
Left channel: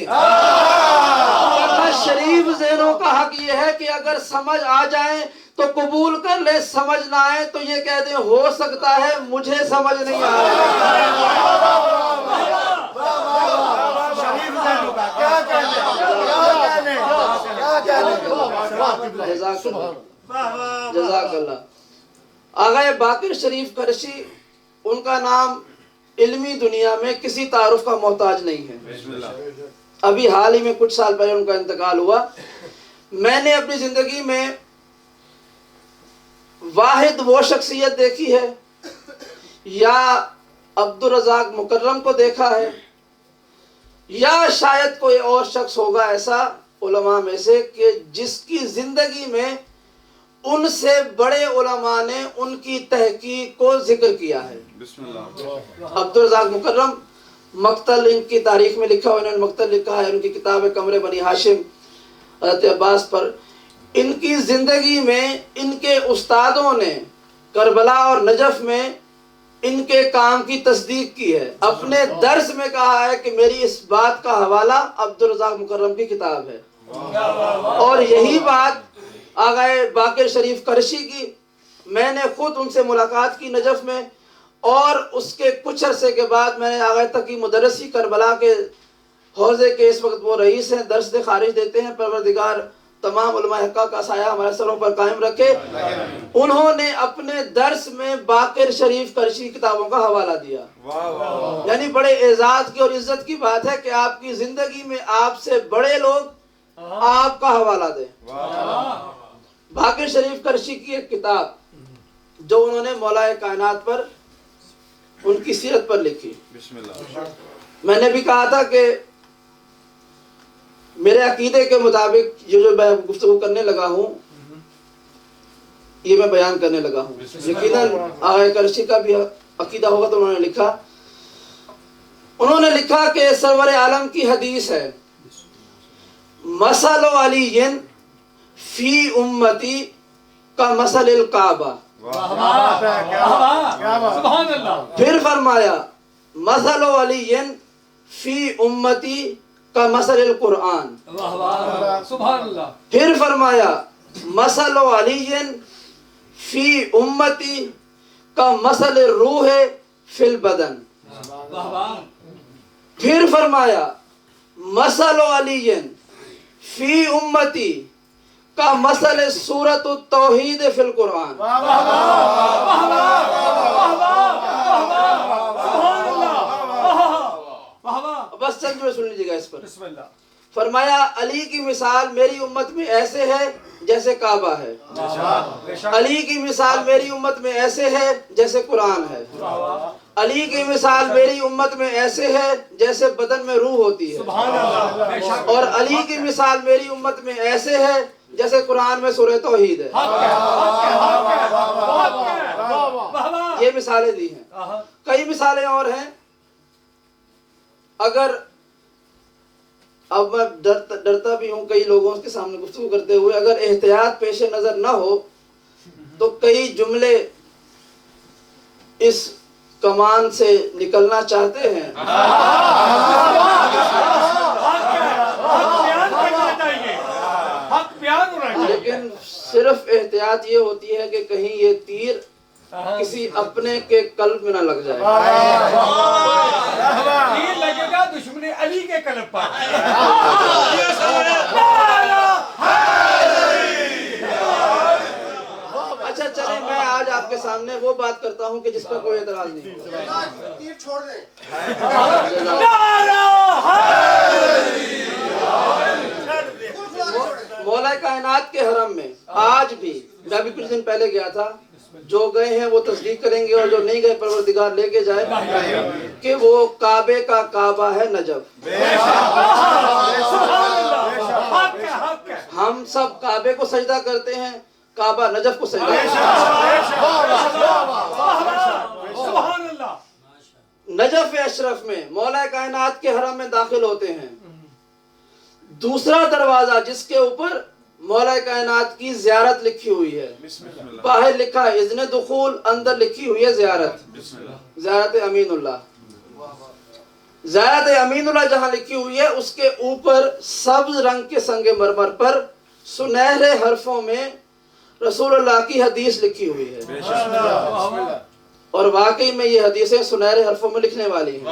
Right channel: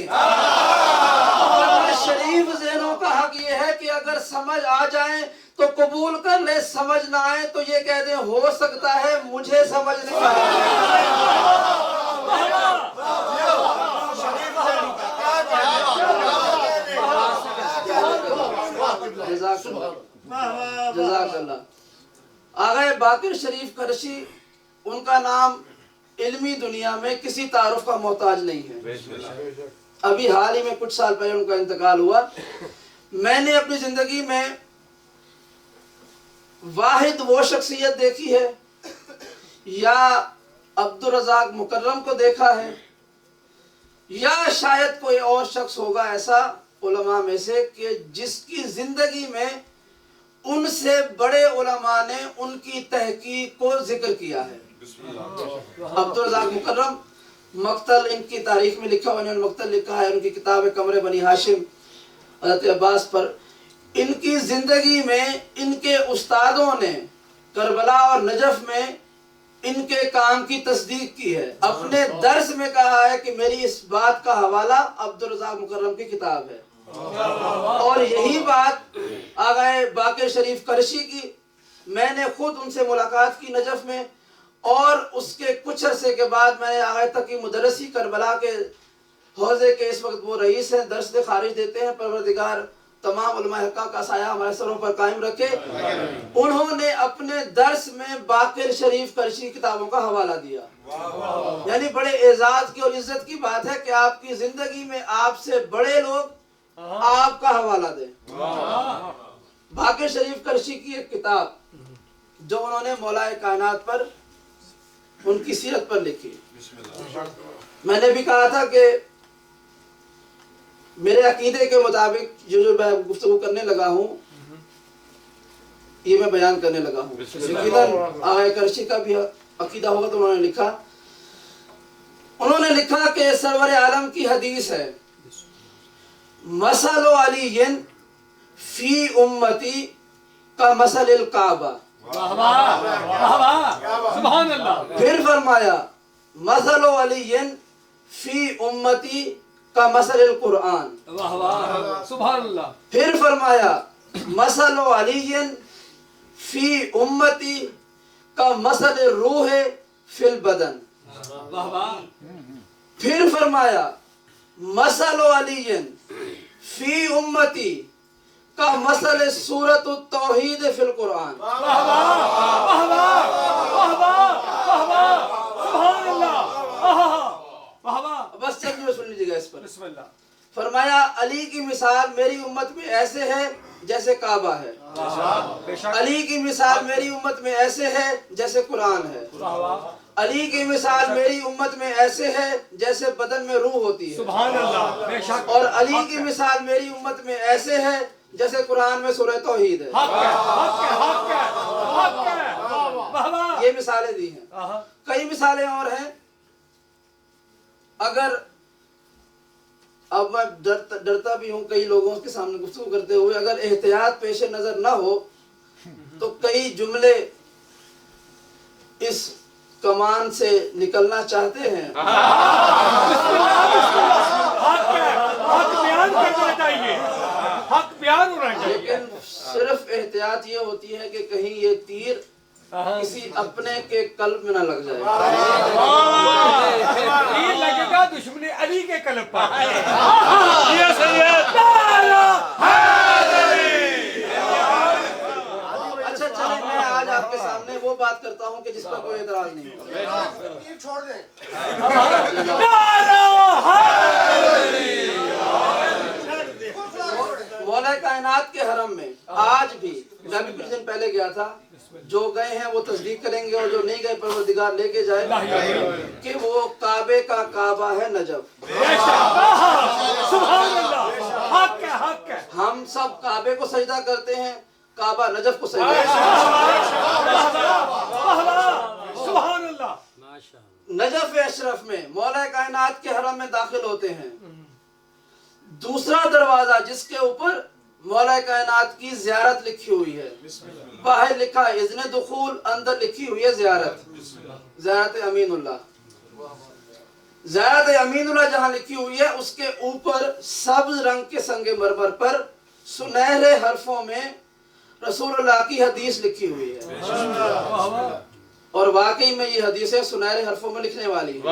شریف ذہنوں کا حق یہ ہے کہ اگر سمجھ آ جائیں تو قبول کر لے، سمجھ نہ آئے تو یہ کہہ دیں ہو سکتا ہے مجھے سمجھ نہیں آئے۔ جزاک اللہ۔ آغا باقر شریف قرشی، ان کا نام علمی دنیا میں کسی تعارف کا محتاج نہیں ہے، ابھی حال ہی میں کچھ سال پہلے ان کا انتقال ہوا۔ میں نے اپنی زندگی میں واحد وہ شخصیت دیکھی ہے یا عبدالرزاق مکرم کو دیکھا ہے یا شاید کوئی اور شخص ہوگا ایسا علماء میں سے کہ جس کی زندگی میں ان سے بڑے علماء نے ان کی تحقیق کو ذکر کیا ہے۔ عبدالرزاق مکرم، مقتل ان کی تاریخ میں لکھا ہوا، انہوں نے مقتل لکھا ہے، ان کی کتاب ہے قمر بنی ہاشم حضرت عباس پر۔ ان کی زندگی میں ان کے استادوں نے کربلا اور نجف میں ان کے کام کی تصدیق کی ہے، اپنے درس میں کہا ہے کہ میری اس بات کا حوالہ عبدالرزاق مکرم کی کتاب ہے۔ اور یہی بات آغائے باقر شریف کرشی کی، میں نے خود ان سے ملاقات کی نجف میں، اور اس کے کچھ عرصے کے بعد میں نے آغائے تقی مدرسی کربلا کے حوزے کے اس وقت وہ رئیس ہیں، درس خارج دیتے ہیں، پروردگار تمام علماء حقہ کا سایہ ہمارے سروں پر قائم رکھے۔ انہوں نے اپنے درس میں باقر شریف کرشی کتابوں کا حوالہ دیا، یعنی بڑے اعزاز کی اور عزت کی بات ہے کہ آپ کی زندگی میں آپ سے بڑے لوگ آپ کا حوالہ دیں۔ باقر شریف کرشی کی ایک کتاب جو انہوں نے مولا کائنات پر، ان کی سیرت پر لکھی، میں نے بھی کہا تھا کہ میرے عقیدے کے مطابق جو میں گفتگو کرنے لگا ہوں یہ میں بیان کرنے لگا ہوں، یقیناً آغا کرشی کا بھی عقیدہ ہوگا تو انہوں نے لکھا کہ سرور عالم کی حدیث ہے، مثل علی فی امتی کا مثل الکعبہ، سبحان اللہ۔ پھر فرمایا مثل علی فی امتی کا مثل القرآن، سبحان اللہ۔ پھر فرمایا مثل علی فی امتی کا مثل الروح فی البدن، پھر فرمایا مثل علی فی امتی کا مثل سورۃ التوحید فی القرآن۔ بس چند میں سن لیجیے گا اس پر۔ بسم اللہ۔ فرمایا علی کی مثال میری امت میں ایسے ہے جیسے کعبہ ہے، علی کی مثال میری امت میں ایسے ہے جیسے قرآن ہے، علی کی مثال میری امت میں ایسے ہے جیسے بدن میں روح ہوتی ہے، سبحان اللہ، بے شک۔ اور علی کی مثال میری امت میں ایسے ہے جیسے قرآن میں سورہ توحید ہے۔ حق ہے، حق ہے، حق ہے، حق ہے۔ واہ واہ۔ یہ مثالیں دی ہیں، کئی مثالیں اور ہیں۔ اگر اب میں ڈرتا بھی ہوں کئی لوگوں کے سامنے گفتگو کرتے ہوئے، اگر احتیاط پیش نظر نہ ہو تو کئی جملے اس کمان سے نکلنا چاہتے ہیں، حق ہے، حق بیان کرنا چاہیے، حق بیان ہونا چاہیے۔ لیکن صرف احتیاط یہ ہوتی ہے کہ کہیں یہ تیر کسی اپنے کے قلب میں نہ لگ جائے۔ تیر لگے گا دشمن علی کے قلب پر۔ اچھا چلیں میں آج آپ کے سامنے وہ بات کرتا ہوں کہ جس پر کوئی اعتراض نہیں ہو۔ مولا کائنات کے حرم میں آج بھی، میں بھی کچھ دن پہلے گیا تھا، جو گئے ہیں وہ تصدیق کریں گے، اور جو نہیں گئے پروردگار لے کے جائے، کہ وہ کعبے کا کعبہ ہے نجف۔ سبحان اللہ، حق ہے، حق ہے۔ ہم سب کعبے کو سجدہ کرتے ہیں، کعبہ نجف کو سجدہ کرتے سبحان اللہ۔ ہیں۔ نجف اشرف میں مولا کائنات کے حرم میں داخل ہوتے ہیں، دوسرا دروازہ جس کے اوپر مولا کائنات کی زیارت لکھی ہوئی ہے، باہر لکھا ہے اذن دخول، اندر لکھی ہوئی ہے زیارت، زیارت امین اللہ۔ زیارت امین اللہ جہاں لکھی ہوئی ہے اس کے اوپر سبز رنگ کے سنگ مرمر پر سنہرے حرفوں میں رسول اللہ کی حدیث لکھی ہوئی ہے، اور واقعی میں یہ حدیثیں سنہرے حرفوں میں لکھنے والی ہیں۔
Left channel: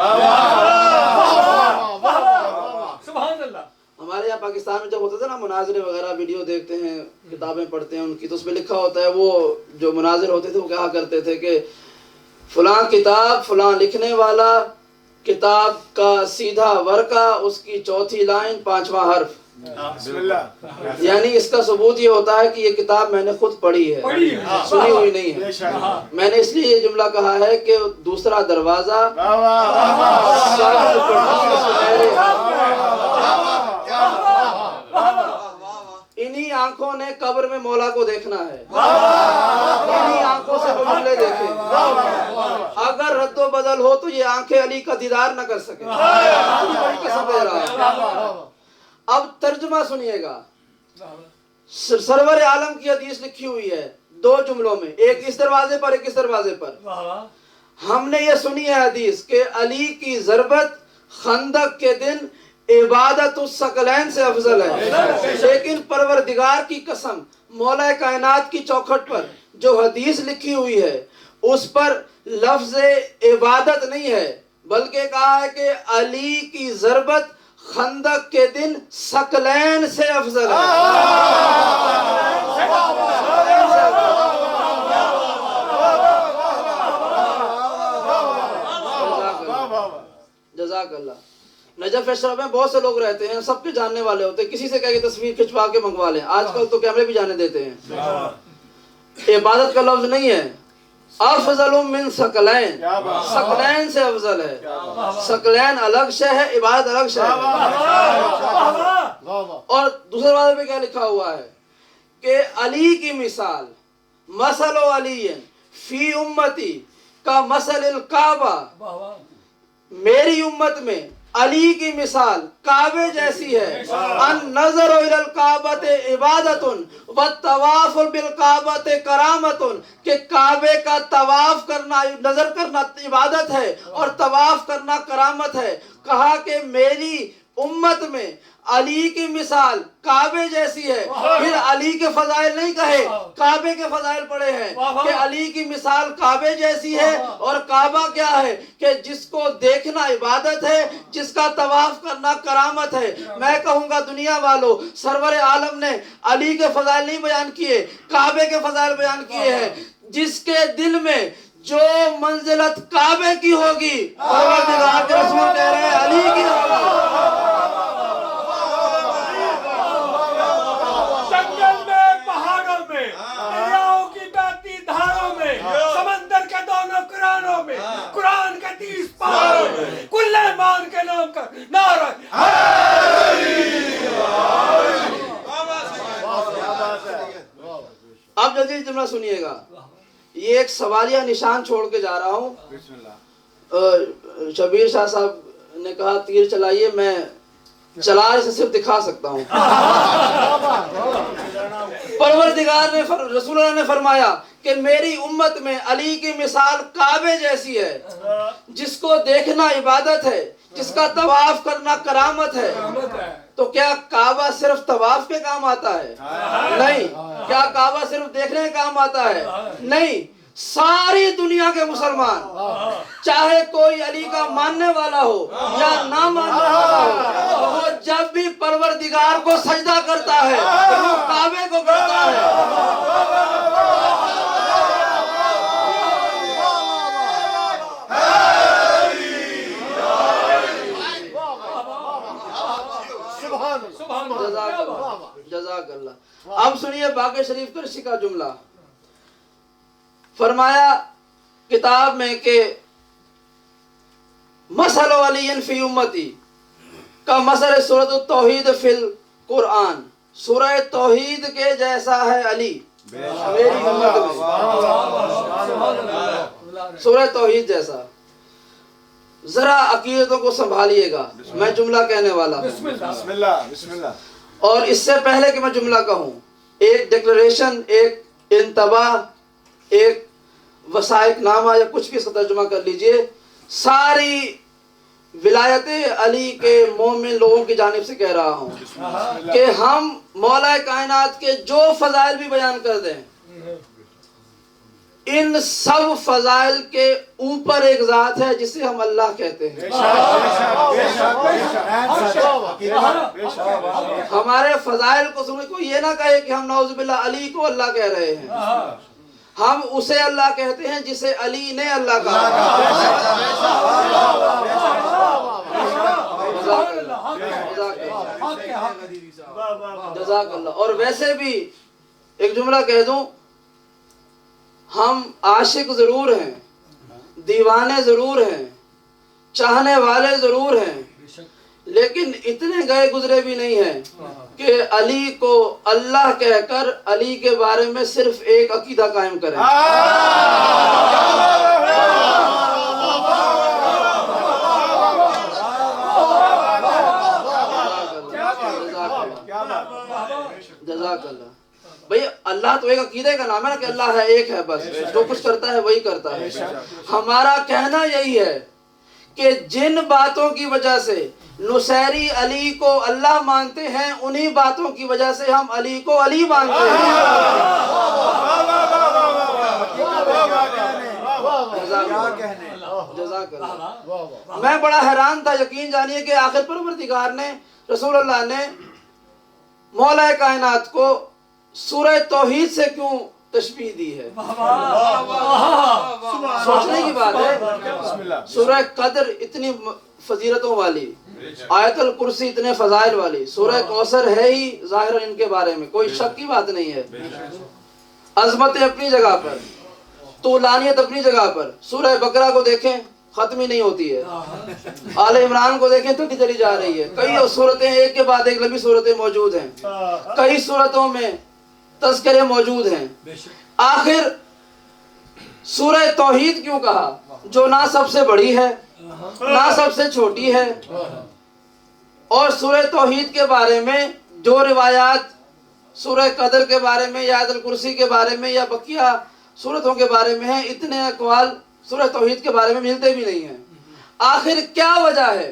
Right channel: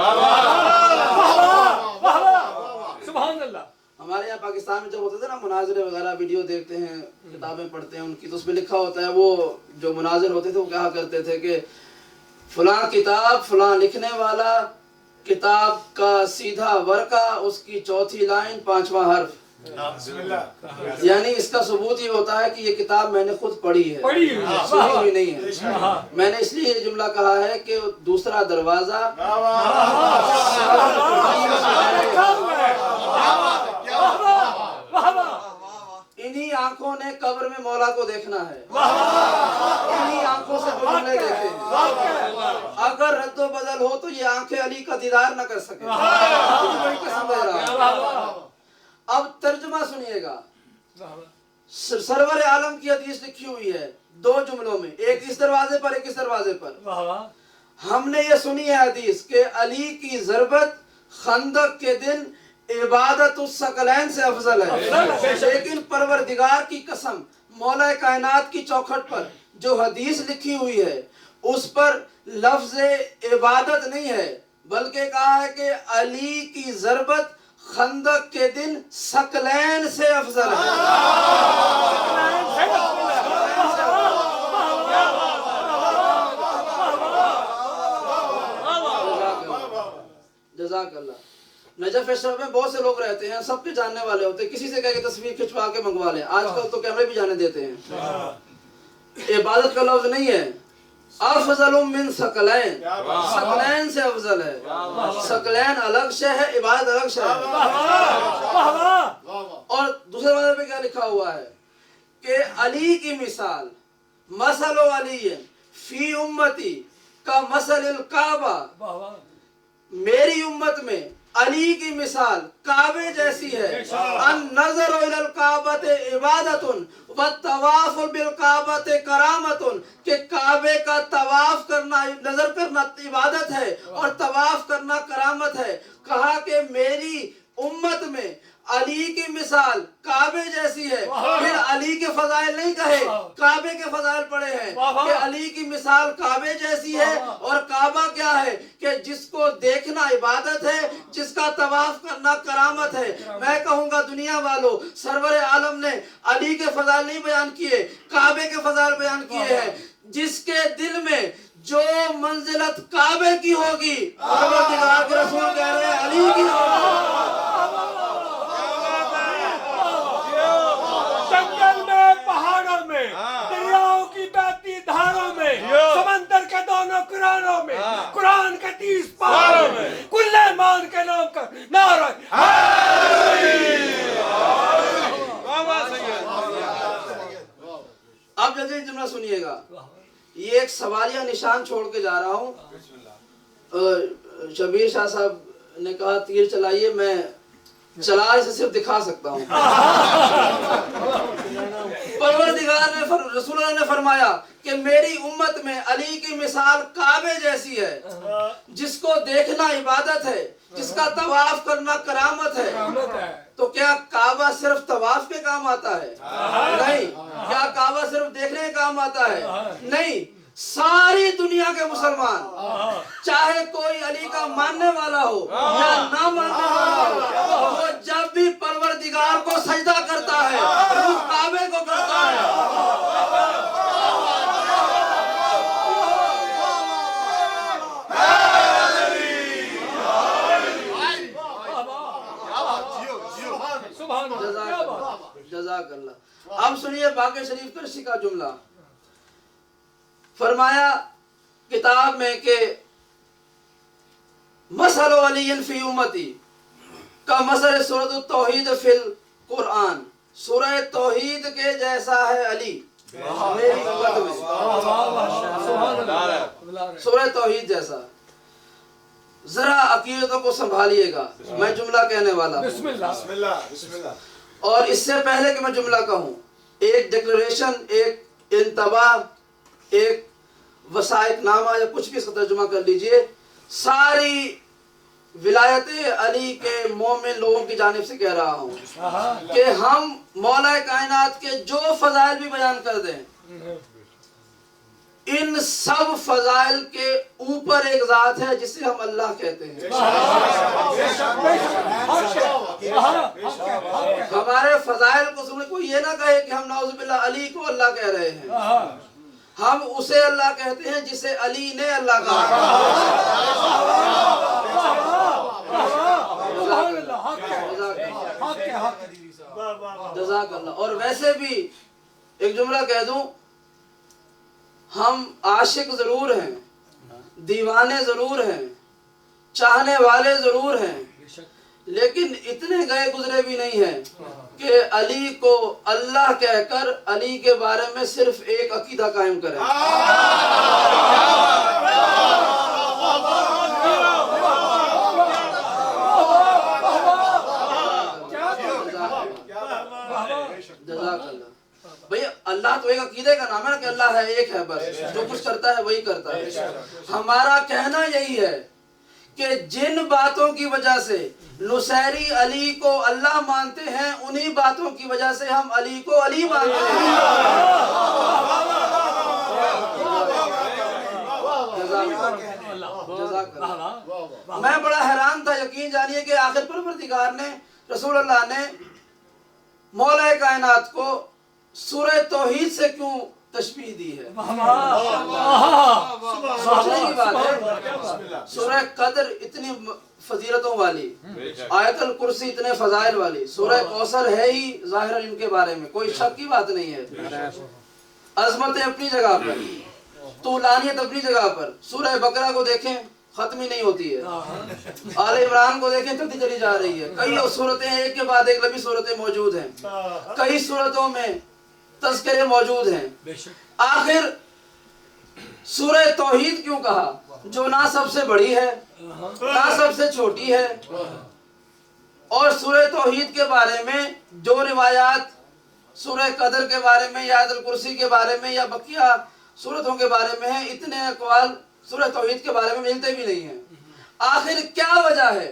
سبحان اللہ۔ ہمارے یہاں پاکستان میں جب ہوتا تھا نا مناظرے وغیرہ، ویڈیو دیکھتے ہیں، کتابیں پڑھتے ہیں ان کی، تو اس میں لکھا ہوتا ہے، وہ جو مناظر ہوتے تھے وہ کہا کرتے تھے کہ فلاں کتاب فلاں لکھنے والا، کتاب کا سیدھا ورقہ، اس کی چوتھی لائن، پانچواں حرف، یعنی اس کا ثبوت یہ ہوتا ہے کہ یہ کتاب میں نے خود پڑھی ہے، سنی ہوئی نہیں ہے۔ میں نے اس لیے یہ جملہ کہا ہے کہ دوسرا دروازہ انہی آنکھوں نے قبر میں مولا کو دیکھنا ہے، انہی آنکھوں سے جملے دیکھیں۔ اگر رد و بدل ہو تو یہ آنکھیں علی کا دیدار نہ کر سکیں۔ اب ترجمہ سنیے گا، سرور عالم کی حدیث لکھی ہوئی ہے دو جملوں میں، ایک اس دروازے پر ایک اس دروازے پر۔ ہم نے یہ سنی ہے حدیث کہ علی کی ضربت خندق کے دن عبادت الثقلین سے افضل ہے، لیکن پروردگار کی قسم مولا کائنات کی چوکھٹ پر جو حدیث لکھی ہوئی ہے اس پر لفظ عبادت نہیں ہے، بلکہ کہا ہے کہ علی کی ضربت خندق کے دن ثقلین سے افضل ہے۔ جزاک اللہ۔ نجف اشرف میں بہت سے لوگ رہتے ہیں، سب کے جاننے والے ہوتے ہیں، کسی سے کہہ کے تصویر کھنچوا کے منگوا لیں، آج کل تو کیمرے بھی جانے دیتے ہیں۔ عبادت کا لفظ نہیں ہے، افضل من ثقلین، ثقلین سے افضل ہے۔ ثقلین الگ شے ہے، عبادت الگ شے ہے۔ اور دوسرے والے پہ کیا لکھا ہوا ہے کہ علی کی مثال مثل علی فی امتی کا مثل الکعبہ، میری امت میں علی کی مثال کعبے جیسی ہے۔ النظر الی الکعبۃ عبادۃ والطواف بالکعبۃ کرامۃ، کہ کعبے کا طواف کرنا، نظر کرنا عبادت ہے اور طواف کرنا کرامت ہے۔ کہا کہ میری امت میں علی کی مثال کعبے جیسی ہے، پھر علی کے فضائل نہیں کہے، کعبے کے فضائل پڑے ہیں کہ علی کی مثال کعبے جیسی ہے، اور کعبہ کیا ہے کہ جس کو دیکھنا عبادت ہے، جس کا طواف کرنا کرامت ہے۔ میں کہوں گا دنیا والوں، سرور عالم نے علی کے فضائل نہیں بیان کیے، کعبے کے فضائل بیان کیے ہیں۔ جس کے دل میں جو منزلت کعبے کی ہوگی، پروردگار کے رسول کہہ رہے ہیں علی کی ہوگی۔ جنگل میں، پہاڑوں میں، دریاؤں کی بہتی دھاروں میں، سمندر کے دونوں کناروں میں، قرآن کے 30 پاروں میں، کل ایمان کے نام کا نعرہ اب جدید جملہ سنیے گا، یہ ایک سوالیہ نشان چھوڑ کے جا رہا ہوں۔ شبیر شاہ صاحب نے کہا تیر چلائیے، میں چلا اسے صرف دکھا سکتا ہوں۔ پروردگار نے رسول اللہ نے فرمایا کہ میری امت میں علی کی مثال کعبے جیسی ہے، جس کو دیکھنا عبادت ہے، جس کا طواف کرنا کرامت ہے۔ تو کیا کعبہ صرف طواف کے کام آتا ہے؟ نہیں۔ کیا کعبہ صرف دیکھنے کے کام آتا ہے؟ نہیں۔ ساری دنیا کے مسلمان، چاہے کوئی علی کا ماننے والا ہو یا نہ ماننے والا ہو، وہ جب بھی پروردگار کو سجدہ کرتا ہے وہ کعبے کو کرتا ہے۔ جزاک اللہ۔ اب سنیے باقی شریف کرشی کا جملہ، فرمایا کتاب میں کہ مثل علی فی امتی کا مثل سورۃ التوحید فی القرآن، سورہ توحید کے جیسا ہے علی میری امت میں، سورہ توحید جیسا۔ ذرا عقیدتوں کو سنبھالیے گا، میں جملہ کہنے والا ہوں، اور اس سے پہلے کہ میں جملہ کہوں ایک ڈکلریشن، ایک انتباہ، ایک وثائق نامہ یا کچھ بھی اس کا ترجمہ کر لیجئے۔ ساری ولایت علی کے مومن لوگوں کی جانب سے کہہ رہا ہوں کہ ہم مولا کائنات کے جو فضائل بھی بیان کر دیں، ان سب فضائل کے اوپر ایک ذات ہے جسے ہم اللہ کہتے ہیں۔ ہمارے فضائل کو سنے کوئی یہ نہ کہے کہ ہم نعوذ باللہ علی کو اللہ کہہ رہے ہیں، ہم اسے اللہ کہتے ہیں جسے علی نے اللہ کہا۔ جزاک اللہ۔ اور ویسے بھی ایک جملہ کہہ دوں، ہم عاشق ضرور ہیں، دیوانے ضرور ہیں، چاہنے والے ضرور ہیں، لیکن اتنے گئے گزرے بھی نہیں ہیں کہ علی کو اللہ کہہ کر علی کے بارے میں صرف ایک عقیدہ قائم کریں۔ جزاک اللہ۔ بھئی اللہ تو ایک عقیدے کا نام ہے نا کہ اللہ ہے، ایک ہے، بس جو کچھ کرتا ہے وہی کرتا ہے۔ ہمارا کہنا یہی ہے کہ جن باتوں کی وجہ سے نصیری علی کو اللہ مانتے ہیں انہی باتوں کی وجہ سے ہم علی کو علی مانتے ہیں۔ جزاک اللہ۔ میں بڑا حیران تھا، یقین جانیے کہ آخر پروردگار نے، رسول اللہ نے مولا کائنات کو سورہ توحید سے کیوں تشبیہ دی ہے؟ سوچنے کی بات ہے۔ سورہ قدر اتنی فضیلتوں والی، آیت الکرسی اتنے فضائل والی، سورہ کوثر ہے ہی ظاہر ان کے بارے میں کوئی شک کی بات نہیں ہے، عظمت اپنی جگہ پر، طولانیت اپنی جگہ پر۔ سورہ بقرہ کو دیکھیں ختم ہی نہیں ہوتی ہے، آل عمران کو دیکھیں چلتی چلی جا رہی ہے، کئی صورتیں ایک کے بعد ایک لمبی صورتیں موجود ہیں، کئی صورتوں میں تذکرے موجود ہیں۔ آخر سورہ توحید کیوں کہا جو نہ سب سے بڑی ہے نہ سب سے چھوٹی ہے؟ اور سورہ توحید کے بارے میں جو روایات سورہ قدر کے بارے میں یا آیت الکرسی کے بارے میں یا بقیہ سورتوں کے بارے میں ہیں، اتنے اقوال سورہ توحید کے بارے میں ملتے بھی نہیں ہیں۔ آخر کیا وجہ ہے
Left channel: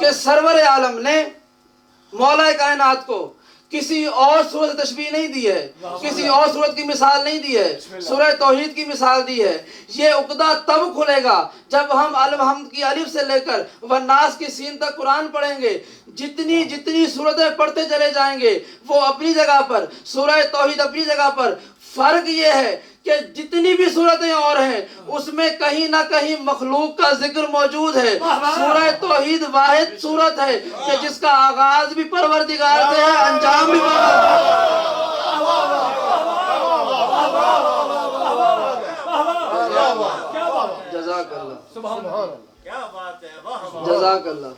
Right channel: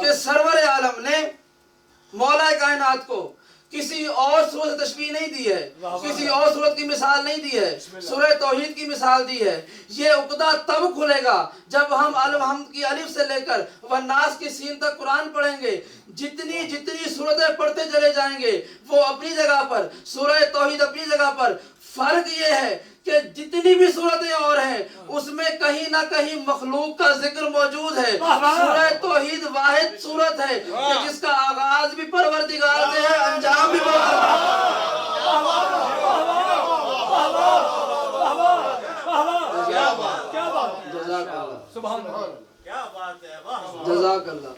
کہ سرور عالم نے مولا کائنات کو کسی اور صورت تشبیہ نہیں دی ہے، کسی اور صورت کی مثال نہیں دی ہے، سورہ توحید کی مثال دی ہے؟ یہ عقدہ تب کھلے گا جب ہم الحمد کی الف سے لے کر والناس کی سین تک قرآن پڑھیں گے۔ جتنی جتنی صورتیں پڑھتے چلے جائیں گے وہ اپنی جگہ پر، سورہ توحید اپنی جگہ پر۔ فرق یہ ہے کہ جتنی بھی صورتیں اور ہیں اس میں کہیں نہ کہیں مخلوق کا ذکر موجود ہے۔ سورہ توحید واحد صورت ہے کہ جس کا آغاز بھی پروردگار سے ہے، انجام بھی جزاک اللہ، جزاک اللہ۔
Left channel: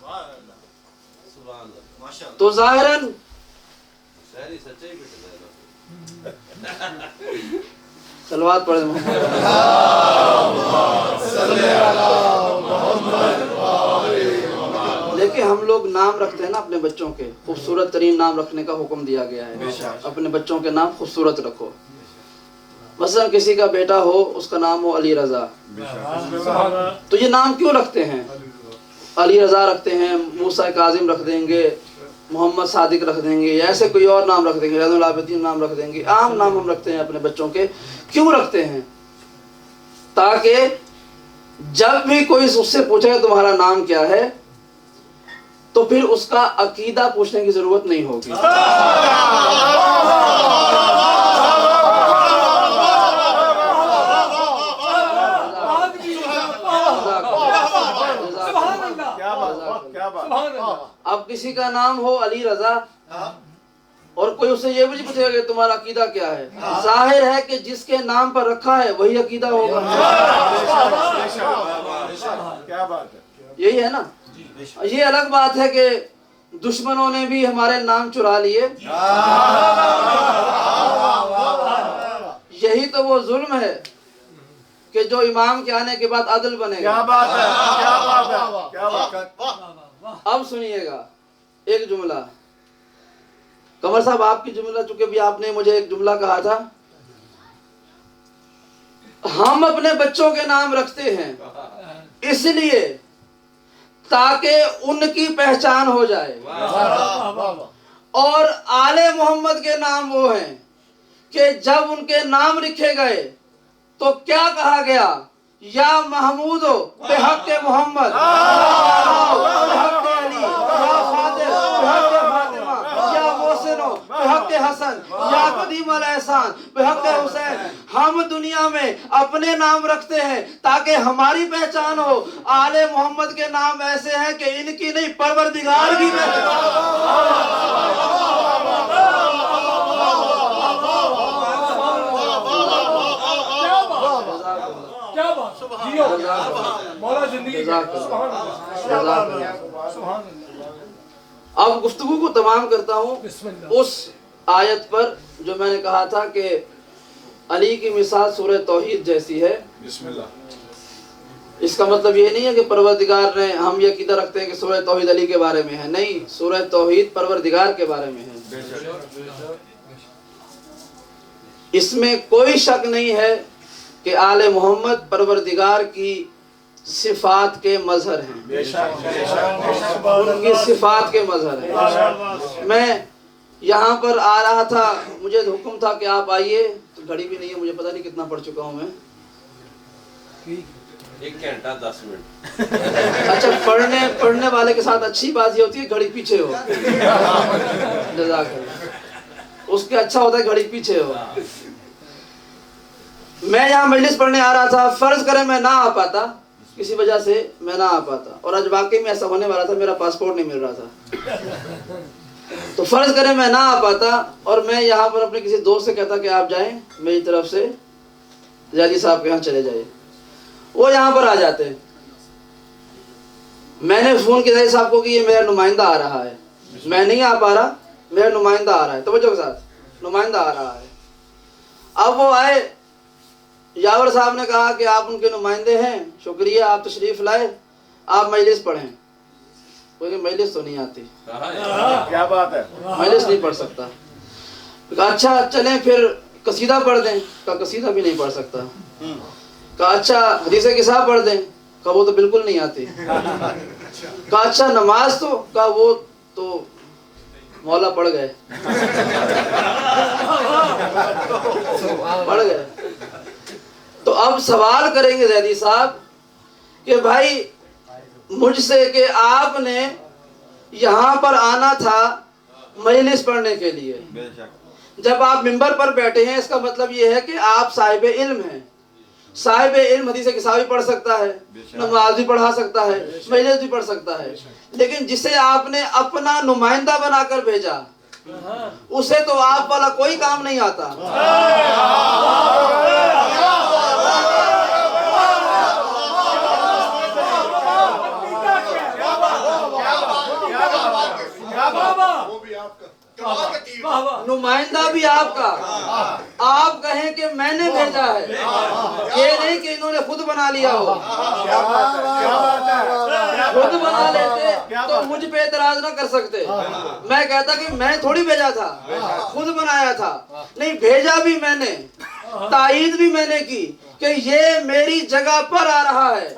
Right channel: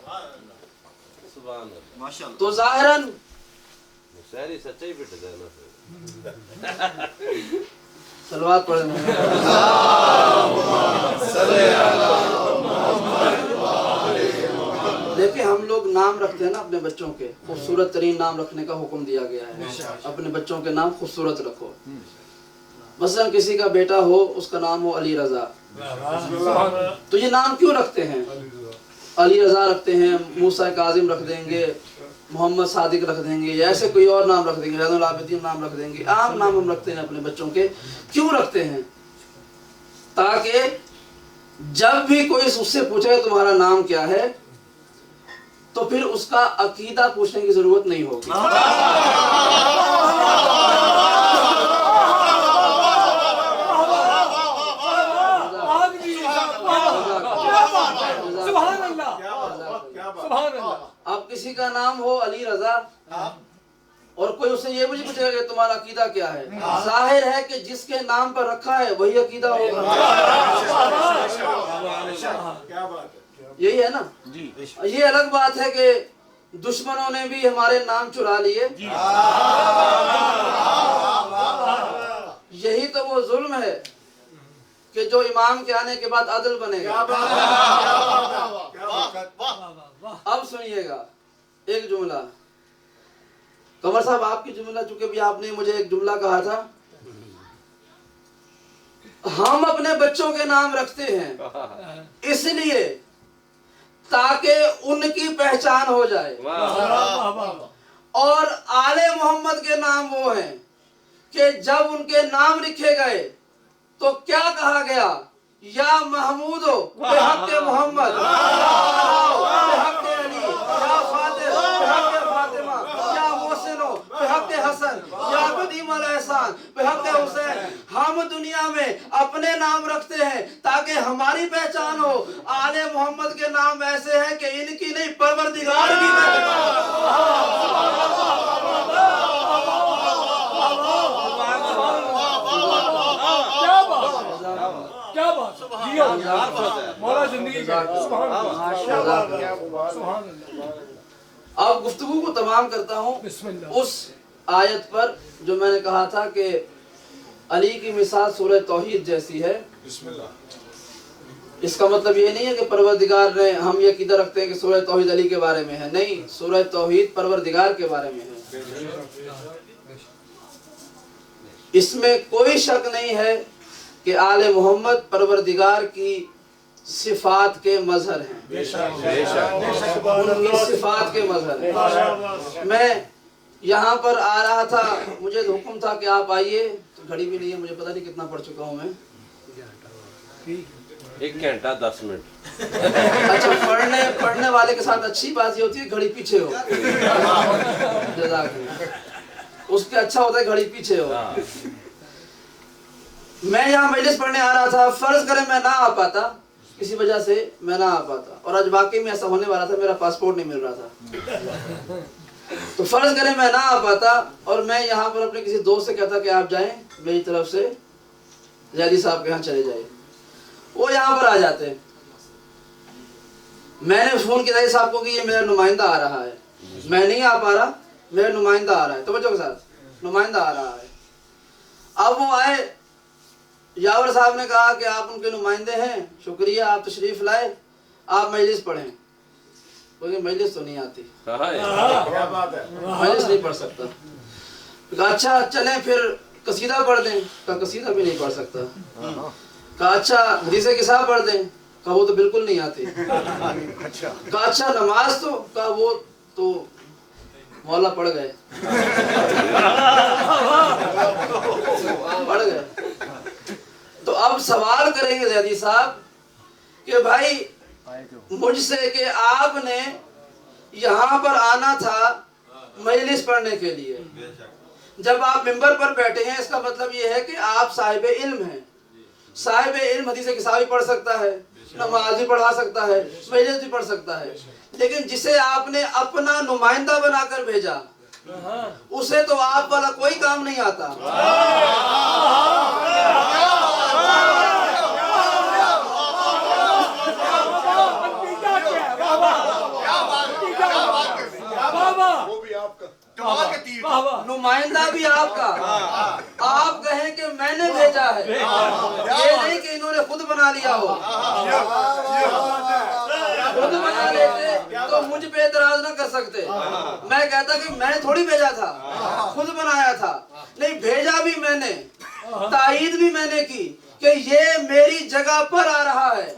تو ظاہراً صلوات پڑھیں۔ دیکھیں ہم لوگ نام رکھتے ہیں نا اپنے بچوں کے، خوبصورت ترین نام رکھنے کا حکم دیا گیا ہے، اپنے بچوں کے نام خوبصورت رکھو۔ مثلا کسی کا بیٹا ہو اس کا نام ہو علی رضا، تو یہ نام کیوں رکھتے ہیں؟ علی رضا رکھتے ہیں، موسیٰ کاظم رکھ دیں گے، محمد صادق رکھ دیں گے، یا ایسے کوئی اور نام رکھ دیں گے، رضا العابدین نام رکھ دیں گے۔ عام نام ہم رکھتے ہیں اپنے بچوں کے، کیوں رکھتے ہیں؟ تاکہ جب بھی کوئی اس سے پوچھے تمہارا نام کیا ہے تو پھر اس کا عقیدہ پوچھنے کی ضرورت نہیں ہوگی۔ اب کسی کا نام ہو علی رضا اور کوئی اسے یہ بھی پوچھے کہ تمہارا عقیدہ کیا ہے، ظاہر ہے کہ جس کے نام پر رکھا ہے وہی عقیدہ ہوگا۔ یہی ہے نا؟ یہ الگ بات ہے کہ دشمنوں نے بھی ہمارے نام چرا لیے، یہی تو وہ ظلم ہے کہ جو امام کے آنے کے بعد عدل بنے گا۔ اب سنیے گا ایک جملہ، قمر صاحب آپ کی جملہ، چونکہ بھی آپ نے مجھے ایک جملہ کہا تھا، ہم اپنے بچوں کے نام رکھتے ہیں اس لیے تاکہ ان کی پہچان ہو جائے، اور آل محمد کے نام وہ ہیں کہ جب ان کے نام لکھے گئے تو کیا کہا گیا؟ یا محمود بحق محمد، بحق علی، یا فاطر بحق فاطمہ، یا محسن بحق حسن، یا قدیم الاحسان بحق حسین۔ ہم دنیا میں اپنے نام رکھتے ہیں تاکہ ہماری پہچان ہو۔ آل محمد کے نام ایسے ہیں کہ ان کی نہیں پروردگار کی مولا زندگی کا اب گفتگو کو تمام کرتا ہوں اس آیت پر جو میں نے کہا تھا کہ علی کی مثال سورہ توحید جیسی ہے۔ اس کا مطلب یہ نہیں ہے کہ پروردگار نے، ہم یہ عقیدہ رکھتے ہیں کہ سورہ توحید علی کے بارے میں ہے، نہیں، سورہ توحید پروردگار کے بارے میں ہے۔ اس میں کوئی شک نہیں ہے کہ آل محمد پروردگار کی صفات کے مظہر ہیں، ان کی صفات کے مظہر ہیں۔ میں یہاں پر آ رہا تھا، مجھے حکم تھا کہ آپ آئیے، تو گھڑی بھی نہیں ہے، مجھے پتہ نہیں کتنا پڑھ چکا ہوں میں، 1 گھنٹہ 10 منٹ۔ اچھا پڑھنے والے کے ساتھ اچھی بات یہ ہوتی ہے گھڑی پیچھے ہو، جزاک اللہ، اس کے اچھا ہوتا ہے گھڑی پیچھے ہو۔ میں یہاں مجلس پڑھنے آ رہا تھا، فرض کریں میں نہ آ پاتا، کسی وجہ سے میں نہ آ پاتا، اور آج واقعی میں ایسا ہونے والا تھا، میرا پاسپورٹ نہیں مل رہا تھا، تو فرض کریں میں نہ آ پاتا اور میں یہاں پر اپنے کسی دوست سے کہتا کہ آپ جائیں میری طرف سے زیادی صاحب کے یہاں چلے جائیں، وہ یہاں پر آ جاتے، میں نے فون کیا زیادی صاحب کو کہ یہ میرا نمائندہ آ رہا ہے، میں نہیں آ پا رہا، میرا نمائندہ آ رہا ہے، توجہ کے ساتھ، نمائندہ آ رہا ہے۔ اب وہ آئے، یاور صاحب نے کہا کہ آپ ان کے نمائندے ہیں، شکریہ آپ تشریف لائے، آپ مجلس پڑھیں، مجلس تو نہیں آتی، کیا بات ہے، مجلس نہیں پڑھ سکتا، کہا اچھا چلیں پھر قصیدہ پڑھ دیں، کہا قصیدہ بھی نہیں پڑھ سکتا، کہا اچھا حدیث کسا پڑھ دیں، کہا وہ تو بالکل نہیں آتی، کہا اچھا نماز تو، کہا وہ تو مولا پڑھ گئے، پڑھ گئے۔ تو اب سوال کریں گے زیدی صاحب کہ بھائی مجھ سے کہ آپ نے یہاں پر آنا تھا مجلس پڑھنے کے لیے، جب آپ منبر پر بیٹھے ہیں اس کا مطلب یہ ہے کہ آپ صاحب علم ہیں، صاحب علم حدیث کسا بھی پڑھ سکتا ہے، نماز بھی پڑھا سکتا ہے، مجلس بھی پڑھ سکتا ہے، لیکن جسے آپ نے اپنا نمائندہ بنا کر بھیجا اسے تو آپ والا کوئی کام نہیں آتا۔ نمائندہ بھی آپ کا، آپ کہیں کہ میں نے بھیجا ہے، یہ نہیں کہ انہوں نے خود بنا لیا ہو، خود بنا لیتے تو مجھ پہ اعتراض نہ کر سکتے، میں کہتا کہ میں تھوڑی بھیجا تھا، خود بنایا تھا، نہیں بھیجا بھی میں نے، تائید بھی میں نے کی کہ یہ میری جگہ پر آ رہا ہے،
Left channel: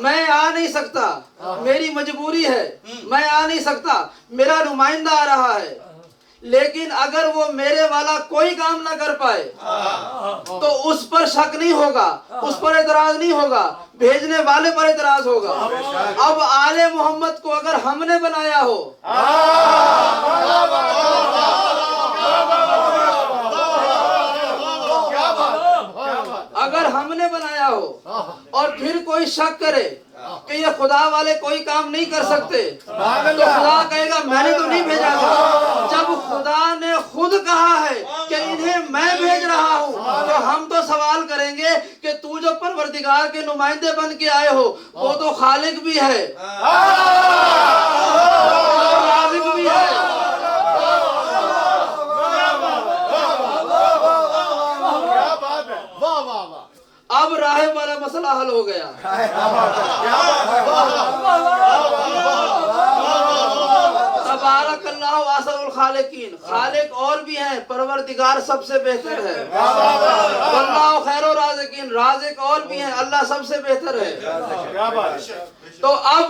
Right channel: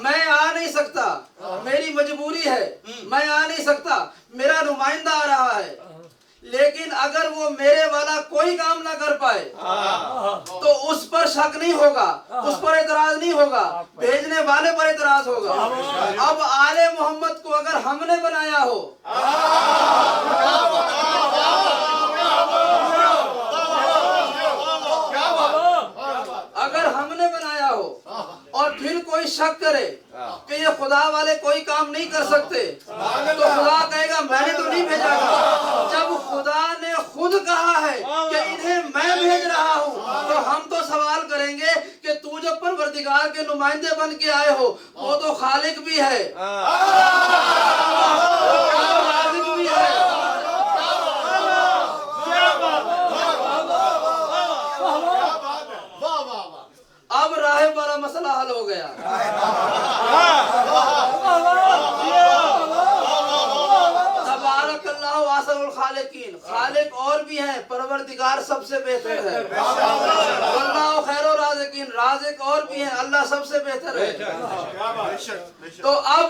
میں آ نہیں سکتا، میری مجبوری ہے، میں آ نہیں سکتا، میرا نمائندہ آ رہا ہے، لیکن اگر وہ میرے والا کوئی کام نہ کر پائے تو اس پر شک نہیں ہوگا، اس پر اعتراض نہیں ہوگا، بھیجنے والے پر اعتراض ہوگا۔ اب آل محمد کو اگر ہم نے بنایا ہو، اگر ہم نے بنایا ہو اور پھر کوئی شک کرے کہ یہ خدا والے کوئی کام نہیں کر سکتے تو خدا کہے گا میں نے تو نہیں بھیجا تھا۔ جب خدا نے خود کہا ہے کہ انہیں میں بھیج رہا ہوں تو ہم تو سوال کریں گے کہ تو جو پروردگار کے نمائندے بن کے آئے ہو وہ تو خالق بھی ہے، رازق بھی ہے۔ اب راہب والا مسئلہ حل ہو گیا۔ تبارک اللہ احسن الخالقین، خالق اور بھی ہیں، پروردگار سب سے بہتر ہے، اللہ خیر الرازقین، رازق اور بھی ہیں، اللہ سب سے بہتر ہے۔ تو اب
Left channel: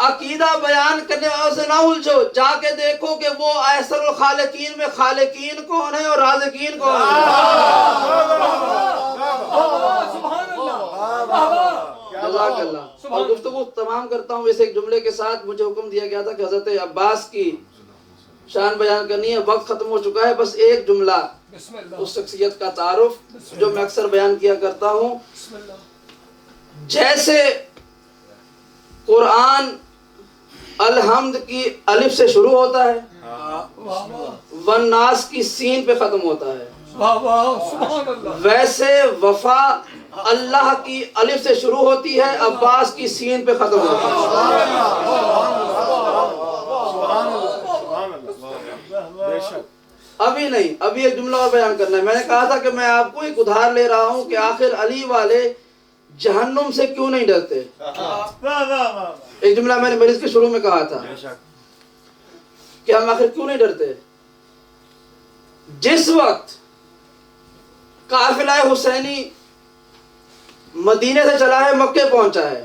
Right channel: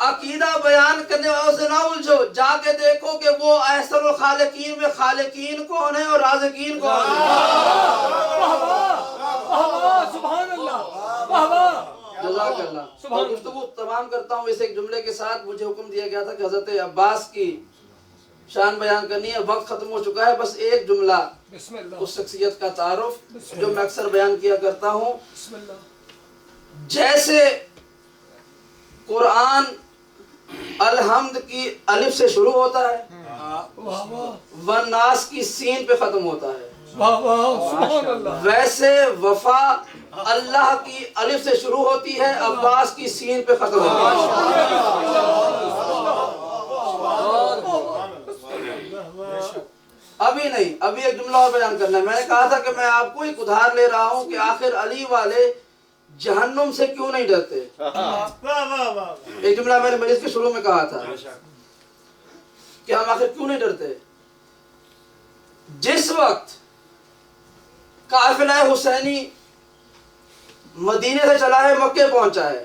عقیدہ بیان کرنے والوں سے نہ الجھو، جا کے دیکھو کہ وہ احسن الخالقین میں خالقین کون ہیں اور رازقین کون ہیں۔ سبحان اللہ، جزاک اللہ۔ اور گفتگو تمام کرتا ہوں اس ایک جملے کے ساتھ، مجھے حکم دیا گیا تھا کہ حضرت عباس کی شان بیان کرنی ہے، وقت ختم ہو چکا ہے، بس ایک جملہ اس شخصیت کا تعارف جو میں اکثر بیان کیا کرتا ہوں۔ جیسے قرآن الحمد کی الف سے شروع ہوتا ہے، والناس کی سین پہ ختم ہوتا ہے، ویسے وفا اللہ کی الف سے شروع ہوتی ہے، عباس کی سین پہ ختم ہوتی ہے۔ ابھی نہیں، ابھی ایک جملہ اور بیان کرنا ہے۔ میں نے کہا تھا کہ میں آپ کو ایک ادھار لے رہا ہوں کہ آخر علی والے جہنم سے کیوں نہیں ڈرتے۔ ایک جملہ میں نے مجلس کے شروع میں کہا تھا کہ ہم آخر کیوں نہیں ڈرتے۔ جس وقت قافلہ حسینی مدینے سے چلا ہے مکے پہنچا ہے،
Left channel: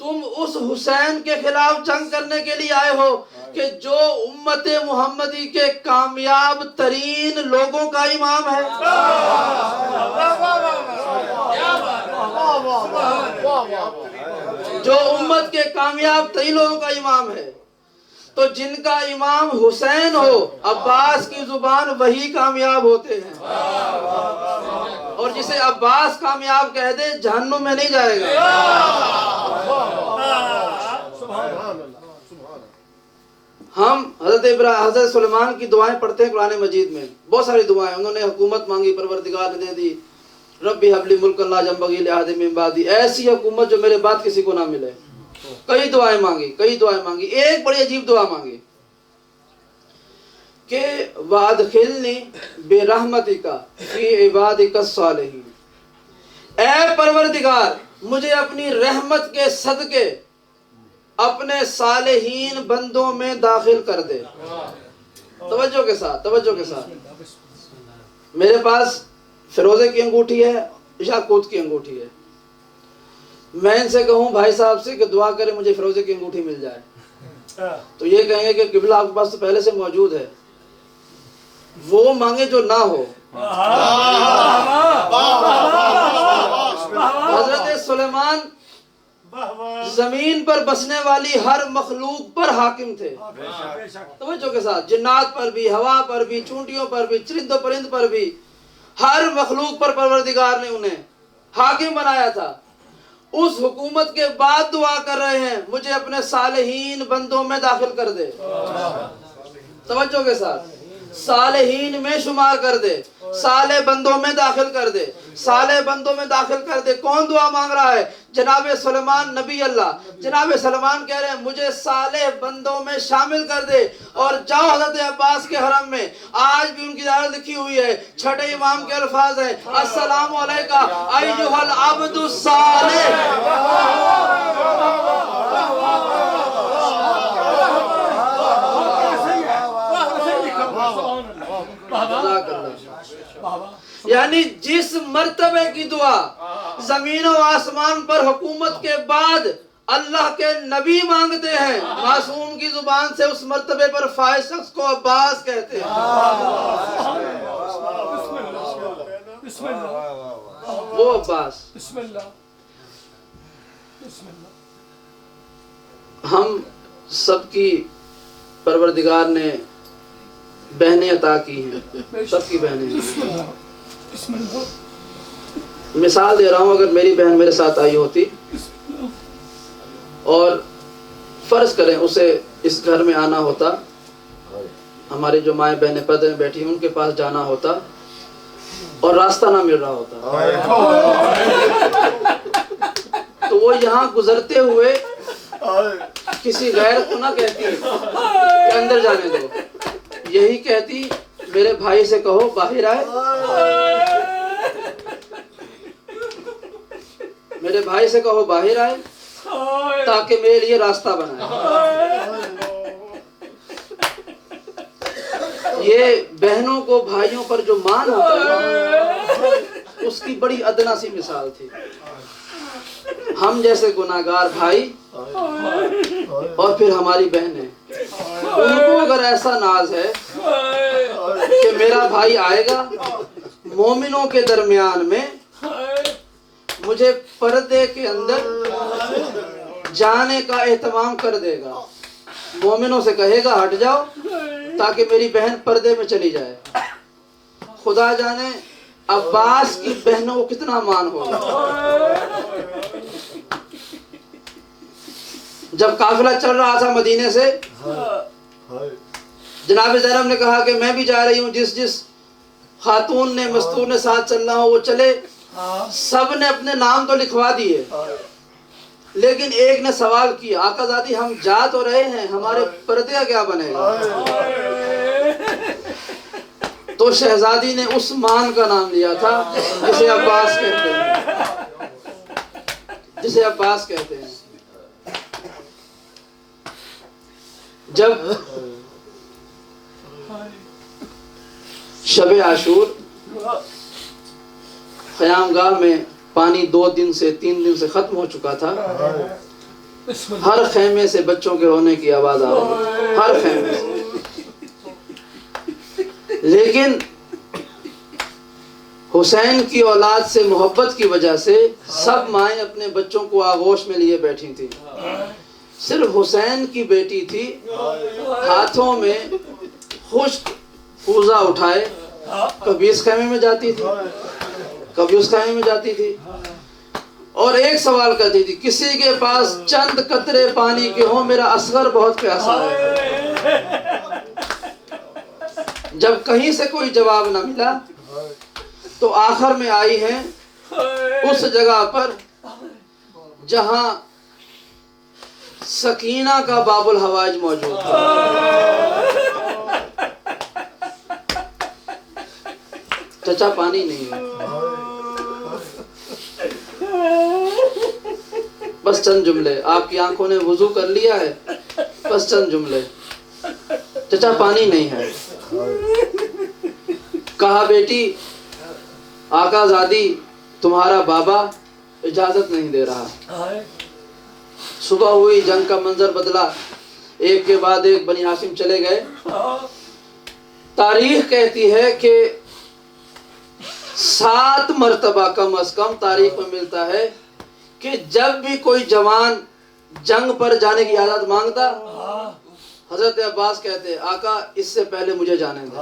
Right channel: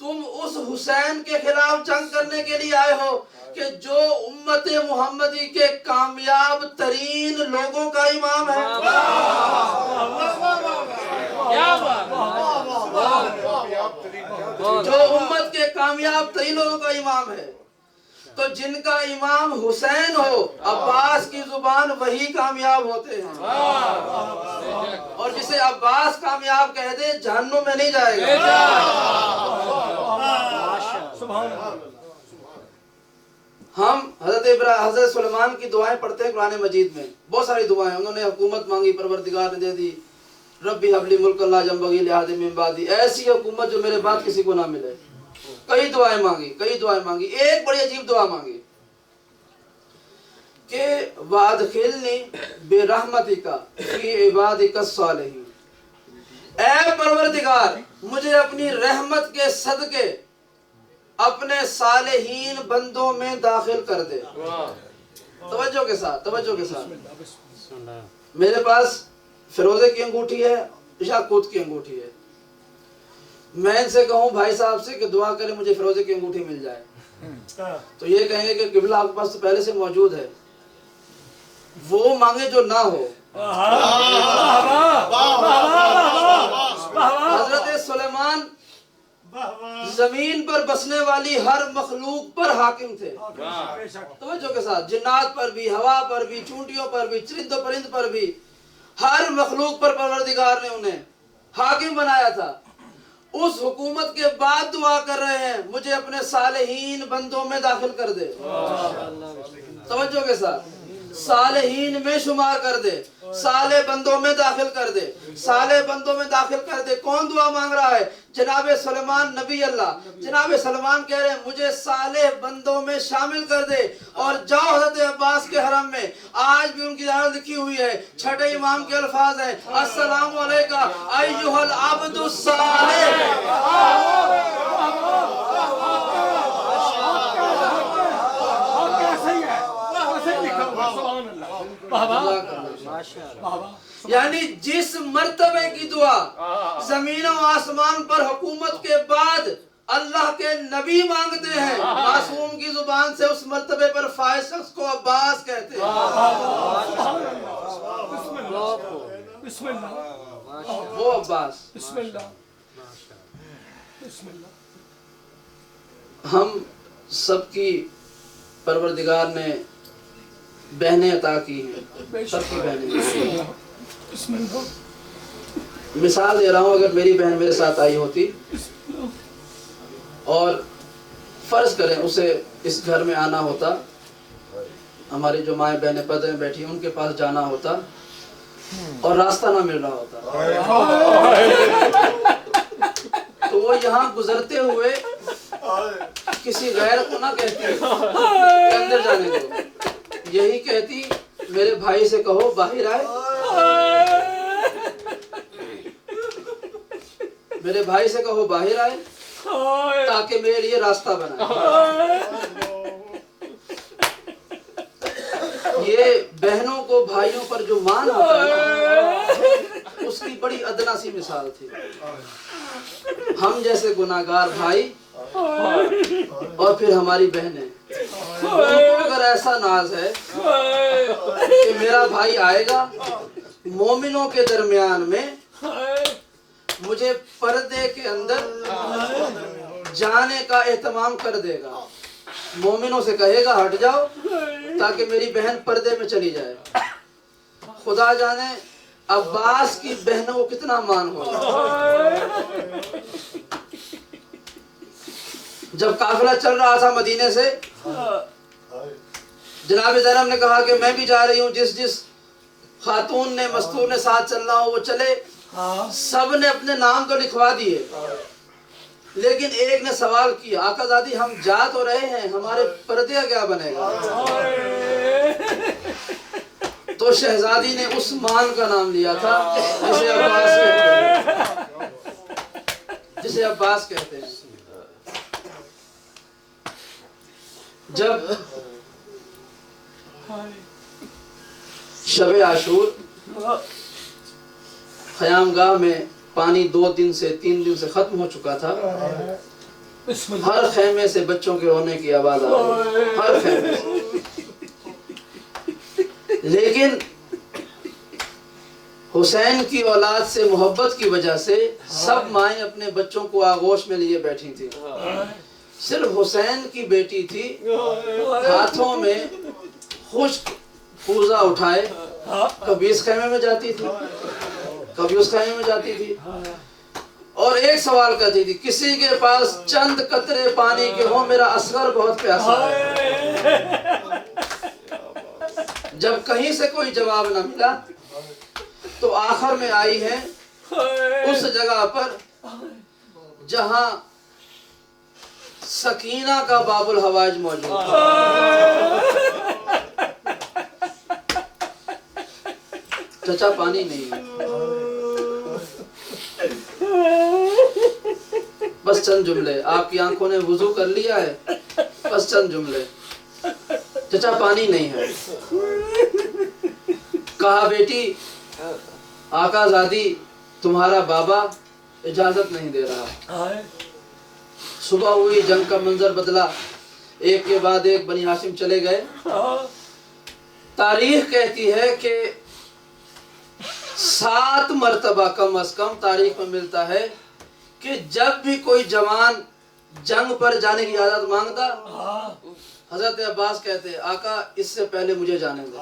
تم اس حسین کے خلاف جنگ کرنے کے لیے آئے ہو کہ جو امت محمدی کے کامیاب ترین لوگوں کا امام ہے. جو امت کے کامیاب ترین لوگوں کا امام ہے. تو جن کا امام حسین ہو عباس کی زبان وہی کامیاب ہوتے ہیں. اور جسے عباس کامیاب کہہ دے جہنم میں نہیں جائے گا. ہم حضرت سلیمان کی دعائیں پڑھتے ہیں قرآن مجید میں. بہت ساری دعائیں. انہوں نے حکومت مانگی، پروردگار نے دے دی. ربی حب لی ملک لا ينبغي لأحد من بعدی، ایسی حکومت جو میرے بعد کسی کو نہ ملے. کئی دعائیں مانگی. ایک بڑی عجیب دعا مانگی کہ وادخلنی برحمتک فی عبادک الصالحین. اے پروردگار مجھے اپنی رحمت کے صدقے اپنے صالحین بندوں میں داخل کر دے. توجہ کے ساتھ. میرے پاس فیروزے کی انگوٹھی ہے، یاقوت کی انگوٹھی ہے. میں ان سے کہوں بھائی صاحب سے کہ دعا کرے مجھے فیروزے کی انگوٹھی مل جائے، تو یہ کہیں گے کہ قبلہ آپ کے پاس تو پہلے سے موجود ہے. وہ مانگے جو نہ ہو. حضرت سلیمان زمین پر بسنے والی ہر مخلوق پر حاکم تھے. توجہ کے ساتھ. جنات پر بھی، ہوا پر بھی، چونٹیوں پر بھی، چرند و پرند پر بھی، ہر مخلوق پر پروردگار نے انہیں حاکم بنایا تھا. اس حکومت کے بعد دعا کر رہے ہیں مجھے اپنے صالحین بندوں میں داخل کر دے. توجہ کے ساتھ. صالحین میں شمار کر دے، صالح بندوں میں داخل کر دے، صالح بندوں میں داخل کر دے. کون دعا مانگ رہا ہے؟ جناب سلیمان نبی اللہ. جناب سلیمان کہہ رہے ہیں مجھے صالح بندوں میں شامل کر دے. اور جاؤ حضرت عباس کے حرم میں، آج بھی ان کی زیارت لکھی ہوئی ہے. چھٹے امام کے الفاظ ہیں السلام علیکہ ایھا العبد الصالح. یعنی جس مرتبے کی دعا زمین و آسمان پر حکومت کے بعد اللہ کے نبی مانگتے ہیں، معصوم کی زبان سے اس مرتبے پر فائز شخص کو عباس کہتے ہیں. بسم اللہ. وہ عباس. بسم اللہ. ہم سب کی پروردگار نے بہنیں عطا کی ہیں، سب کی بہنیں. مثال دے رہا ہوں، اگر میری بہن میرے ساتھ آئی ہوتی اور فرض کریں اسے اس گھر میں آنا ہوتا، ہماری جو مائیں بہنیں پردے میں بیٹھی ان کے پاس جانا ہوتا اور راستہ نہ مل رہا ہوتا، تو وہ یہاں گزرتے ہوئے کسی غیر کو نہ کہتی کہ اندر جانے دو، یہی کہتی میرے بھائی سے کہو باہر آئے. میرے بھائی سے کہو باہر آئے تاکہ میرے لیے راستہ بنائے. یہ بہنوں کو بھائیوں پر جو مان ہوتا ہے اس کی بڑی ادنا سی مثال تھی. ہم جیسے گناہگار بھائی اور پھر ہماری بہنیں، ان کو اگر ایسا ناز ہے کہ میرا بھائی آئے گا مومنوں کے درمیان میں، مجھے پردے کے اندر جانے کا اہتمام کر دے گا، مومنوں سے کہے گا ہٹ جاؤ تاکہ میری بہن پردے میں چلی جائے. خدا جانے عباس کی بہنوں کو کتنا مان ہوگا. جب قافلہ چل رہا تھا مدینے سے، جناب زینب نے کہا کہ میں بھی جا رہی ہوں، جس خاتون نے مستور نے ساتھ چلنا ہو وہ چلے. سب نے اپنے نام تو لکھوا دیے، لیکن ایک نے سوال کیا آقا زادی ہم جا تو رہے ہیں، ہمارے پردے کا کیا بنے گا؟ تو شہزادی نے عثمان کا نام لیا تھا جسے عباس کہتے ہیں. جب شب عاشور قیام گاہ میں پانی 2 دن سے 3 دن سے ختم ہو چکا تھا، ہر خیمے سے بچوں کے رونے کی آواز آ رہی ہے، ہر خیمے سے۔ لیکن حسین کی اولاد سے محبت کی وجہ سے سب مائیں اپنے بچوں کو آغوش میں لیے بیٹھی تھیں، صرف حسین کی بیٹی تھی ہاتھوں میں خشک کوزہ اٹھائے، کبھی اس خیمے میں جاتی تھی کبھی اس خیمے میں جاتی تھی، اور ایک سوال کرتی تھی، کسی کے پاس چند قطرے پانی کے ہوں، میرا اصغر بہت پیاسا ہے۔ جب کہیں سے کوئی جواب نہ ملا تو آخر میں آئی ہے اس جگہ پر جہاں سکینہ کا باب الحوائج موجود ہے۔ چچا پانی نہیں ہے، بس چند جملے، آپ کی آنکھوں نے وضو کر لیا ہے، بس چند جملے، چچا پانی نہیں ہے۔ کہا بیٹی آقا زادی تمہارا بابا اجازت نہیں دے رہا۔ صبح ہوئی، جنگ کا منظر بدلا، ایک کے بعد ایک بنی ہاشم چلے گئے۔ تاریخ کہتی ہے کہ 7 مرتبہ کم از کم تاریخ میں ملتا ہے کہ جب بھی کوئی جوان جنگ پر جانے کی اجازت مانگتا، حضرت عباس کہتے آقا اس سے پہلے مجھے جانے دیں،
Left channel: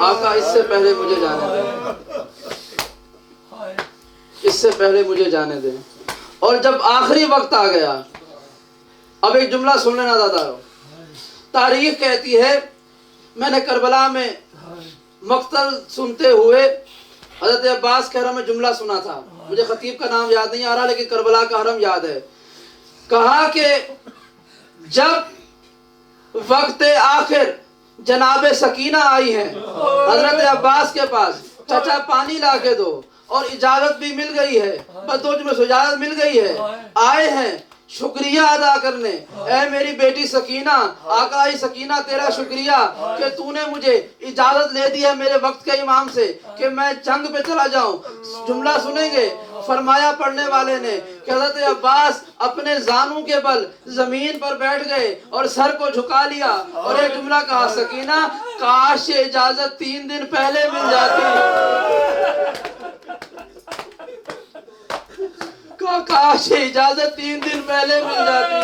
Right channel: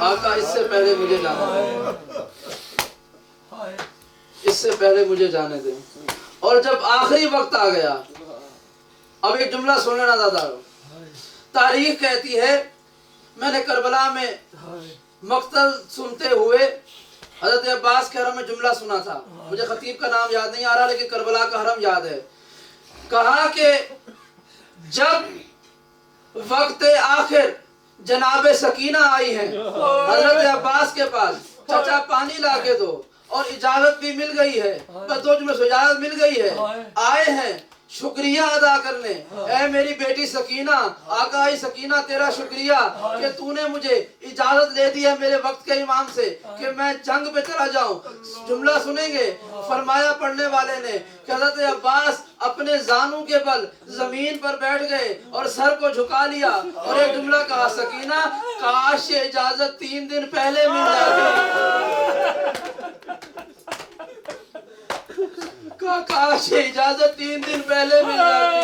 آقا اس سے پہلے مجھے جانے دیں، اس سے پہلے مجھے جانے دیں۔ اور جب آخری وقت آ گیا، اب ایک جملہ سن لینا دادا، تاریخ کہتی ہے میں نے کربلا میں مقتل سنتے ہوئے حضرت عباس کے حرم میں جملہ سنا تھا، مجھے خطیب کا نام یاد نہیں آ رہا لیکن کربلا کا حرم یاد ہے۔ کہا کہ جب وقت آخر جناب سکینہ آئی ہے حضرت عباس کے پاس، چچا پانی لا کے دو، اور اجازت بھی مل گئی ہے، بس 2 جملے سے اجازت مل گئی ہے، آئے ہیں شکریہ ادا کرنے، اے میری بیٹی سکینہ، آقا سکینہ تیرا شکریہ کہ تو نے مجھے اجازت لے دی ہے میرے وقت کے امام سے کہ میں جنگ پہ چلا جاؤں۔ جملہ سنیں گے، فرمایا پڑھنے والے نے کہ حضرت عباس اپنے زانوں کے بل زمین پر بیٹھ گئے اور سر کو جھکا لیا اور ایک جملہ کہا، سکینہ کاش اجازت 3 دن پہلے مل جاتی، کاش اجازت 3 دن پہلے مل جاتی۔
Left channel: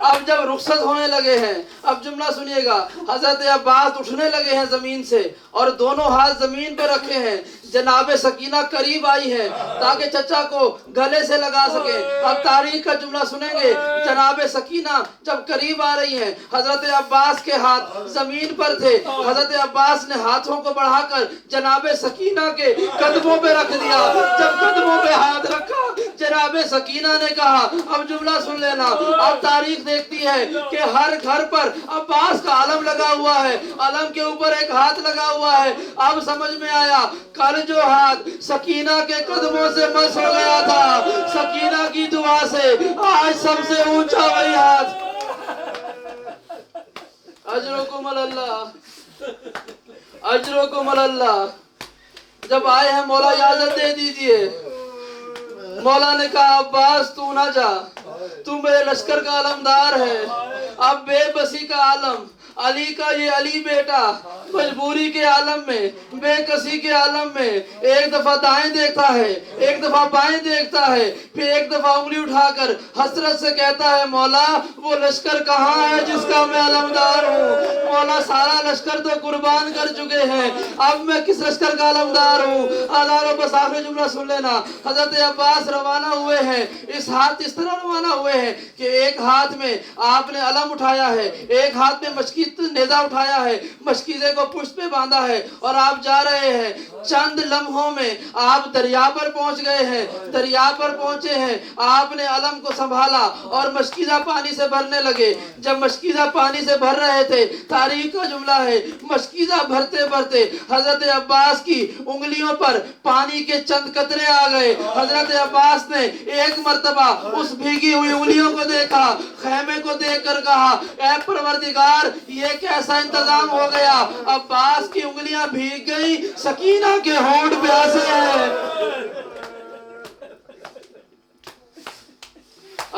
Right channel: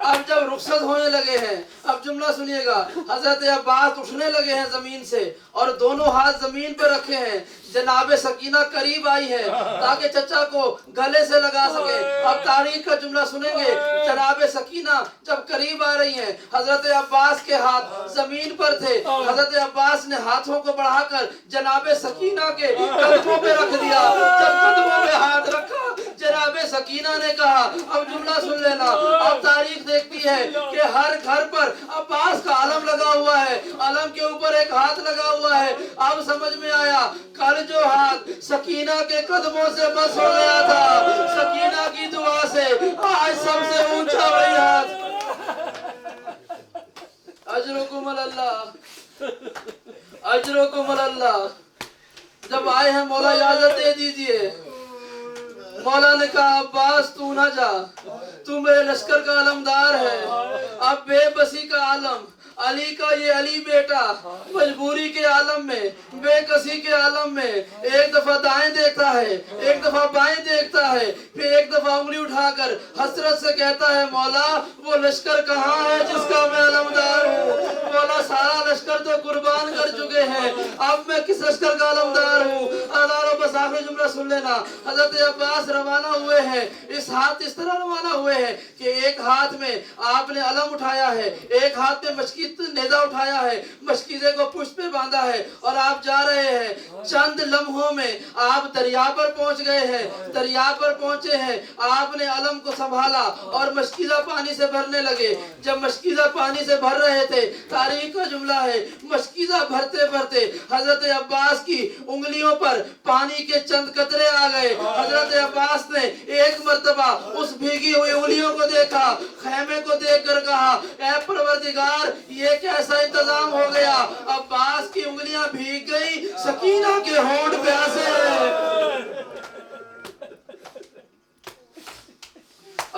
اب جب رخصت ہونے لگے ہیں، اب جملہ سنیے گا، حضرت عباس اٹھنے لگے ہیں زمین سے اور دونوں ہاتھ زمین پہ رکھے ہیں، جناب سکینہ قریب آئی ہے تاکہ چچا کو گلے سے لگا سکے۔ اب تاریخ کا جملہ سنیں گے، جناب سکینہ جب قریب آ رہی ہیں، حضرت عباس کے ہاتھ زمین پر تھے، حضرت عباس نے ہاتھوں کو بڑھا کر جناب سکینہ کے قدموں پہ رکھ دیا۔ جب قدموں پہ ہاتھ رکھا، جناب سکینہ نے کہا، اب جملہ سن لینا، اب تاریخ دیکھتی ہے کہ ہر گھر پر عباس کا علم لگا ہوا ہے، علم کے اوپر ایک ہاتھ لگا ہوا ہے۔ اب سمجھ میں آیا، کل جو ہاتھ سکینہ کے قدموں سے مس ہو گیا تھا، سکینہ کی دعا سے آج سب سے اونچا وہی ہاتھ۔ اجرکم اللہ، اجرکم اللہ۔ جب آئے ہیں مولا اجازت دے دیجئے، مولا نے کہا عباس تو نہ جا، تو میرے لشکر کا علمدار ہے، اب بے بسی کا عالم، علی کا یہ علی بیٹا مجبوری کے عالم میں، بے کسی کے عالم میں ایک دفعہ دائیں دیکھتا ہے، ایک دفعہ بائیں دیکھتا ہے، پھر ایک دفعہ انگلی اٹھا کر حسرت سے کہتا ہے مولا وہ لشکر کہاں ہے جس کا میں علمدار ہوں؟ مولا سارا لشکر تو قربان کر چکے ہیں، اب میں کس لشکر کا علمدار ہوں؟ ہزاروں بس آخری جملہ سن لینا، حضرت عباس روانہ ہوئے ہیں، اس طرح روانہ ہوئے ہیں کہ ایک ہاتھ میں آپ نے علم اٹھایا ہے، ایک ہاتھ میں مشکیز نیزہ اٹھایا ہے، مشکیزے کو پشت پہ باندھا ہے، اور آپ جا رہے ہیں۔ چند لمحوں میں آپ دریا پر پہنچ گئے ہیں، دریا پر پہنچے ہیں، آپ نے علم کو سنبھالا اور مشکیزہ پانی سے بھرنے لگے۔ جب مشکیزہ پانی سے بھر رہے تھے، تاریخ کا جملہ ہے، مشکیزہ بھرتے بھرتے حضرت عباس کی انگلیوں پر پانی کے چند قطرے آ گئے۔ حضرت عباس نے ایک مرتبہ اس بھیگی ہوئی انگلیوں کو دیکھا، خیمے کو دیکھ کر کہا اے پروردگار یہ کیسا انتظام ہو گیا، عباس کی انگلیاں بھیگ گئی، سکینہ کے ہونٹ پیاسے ہیں۔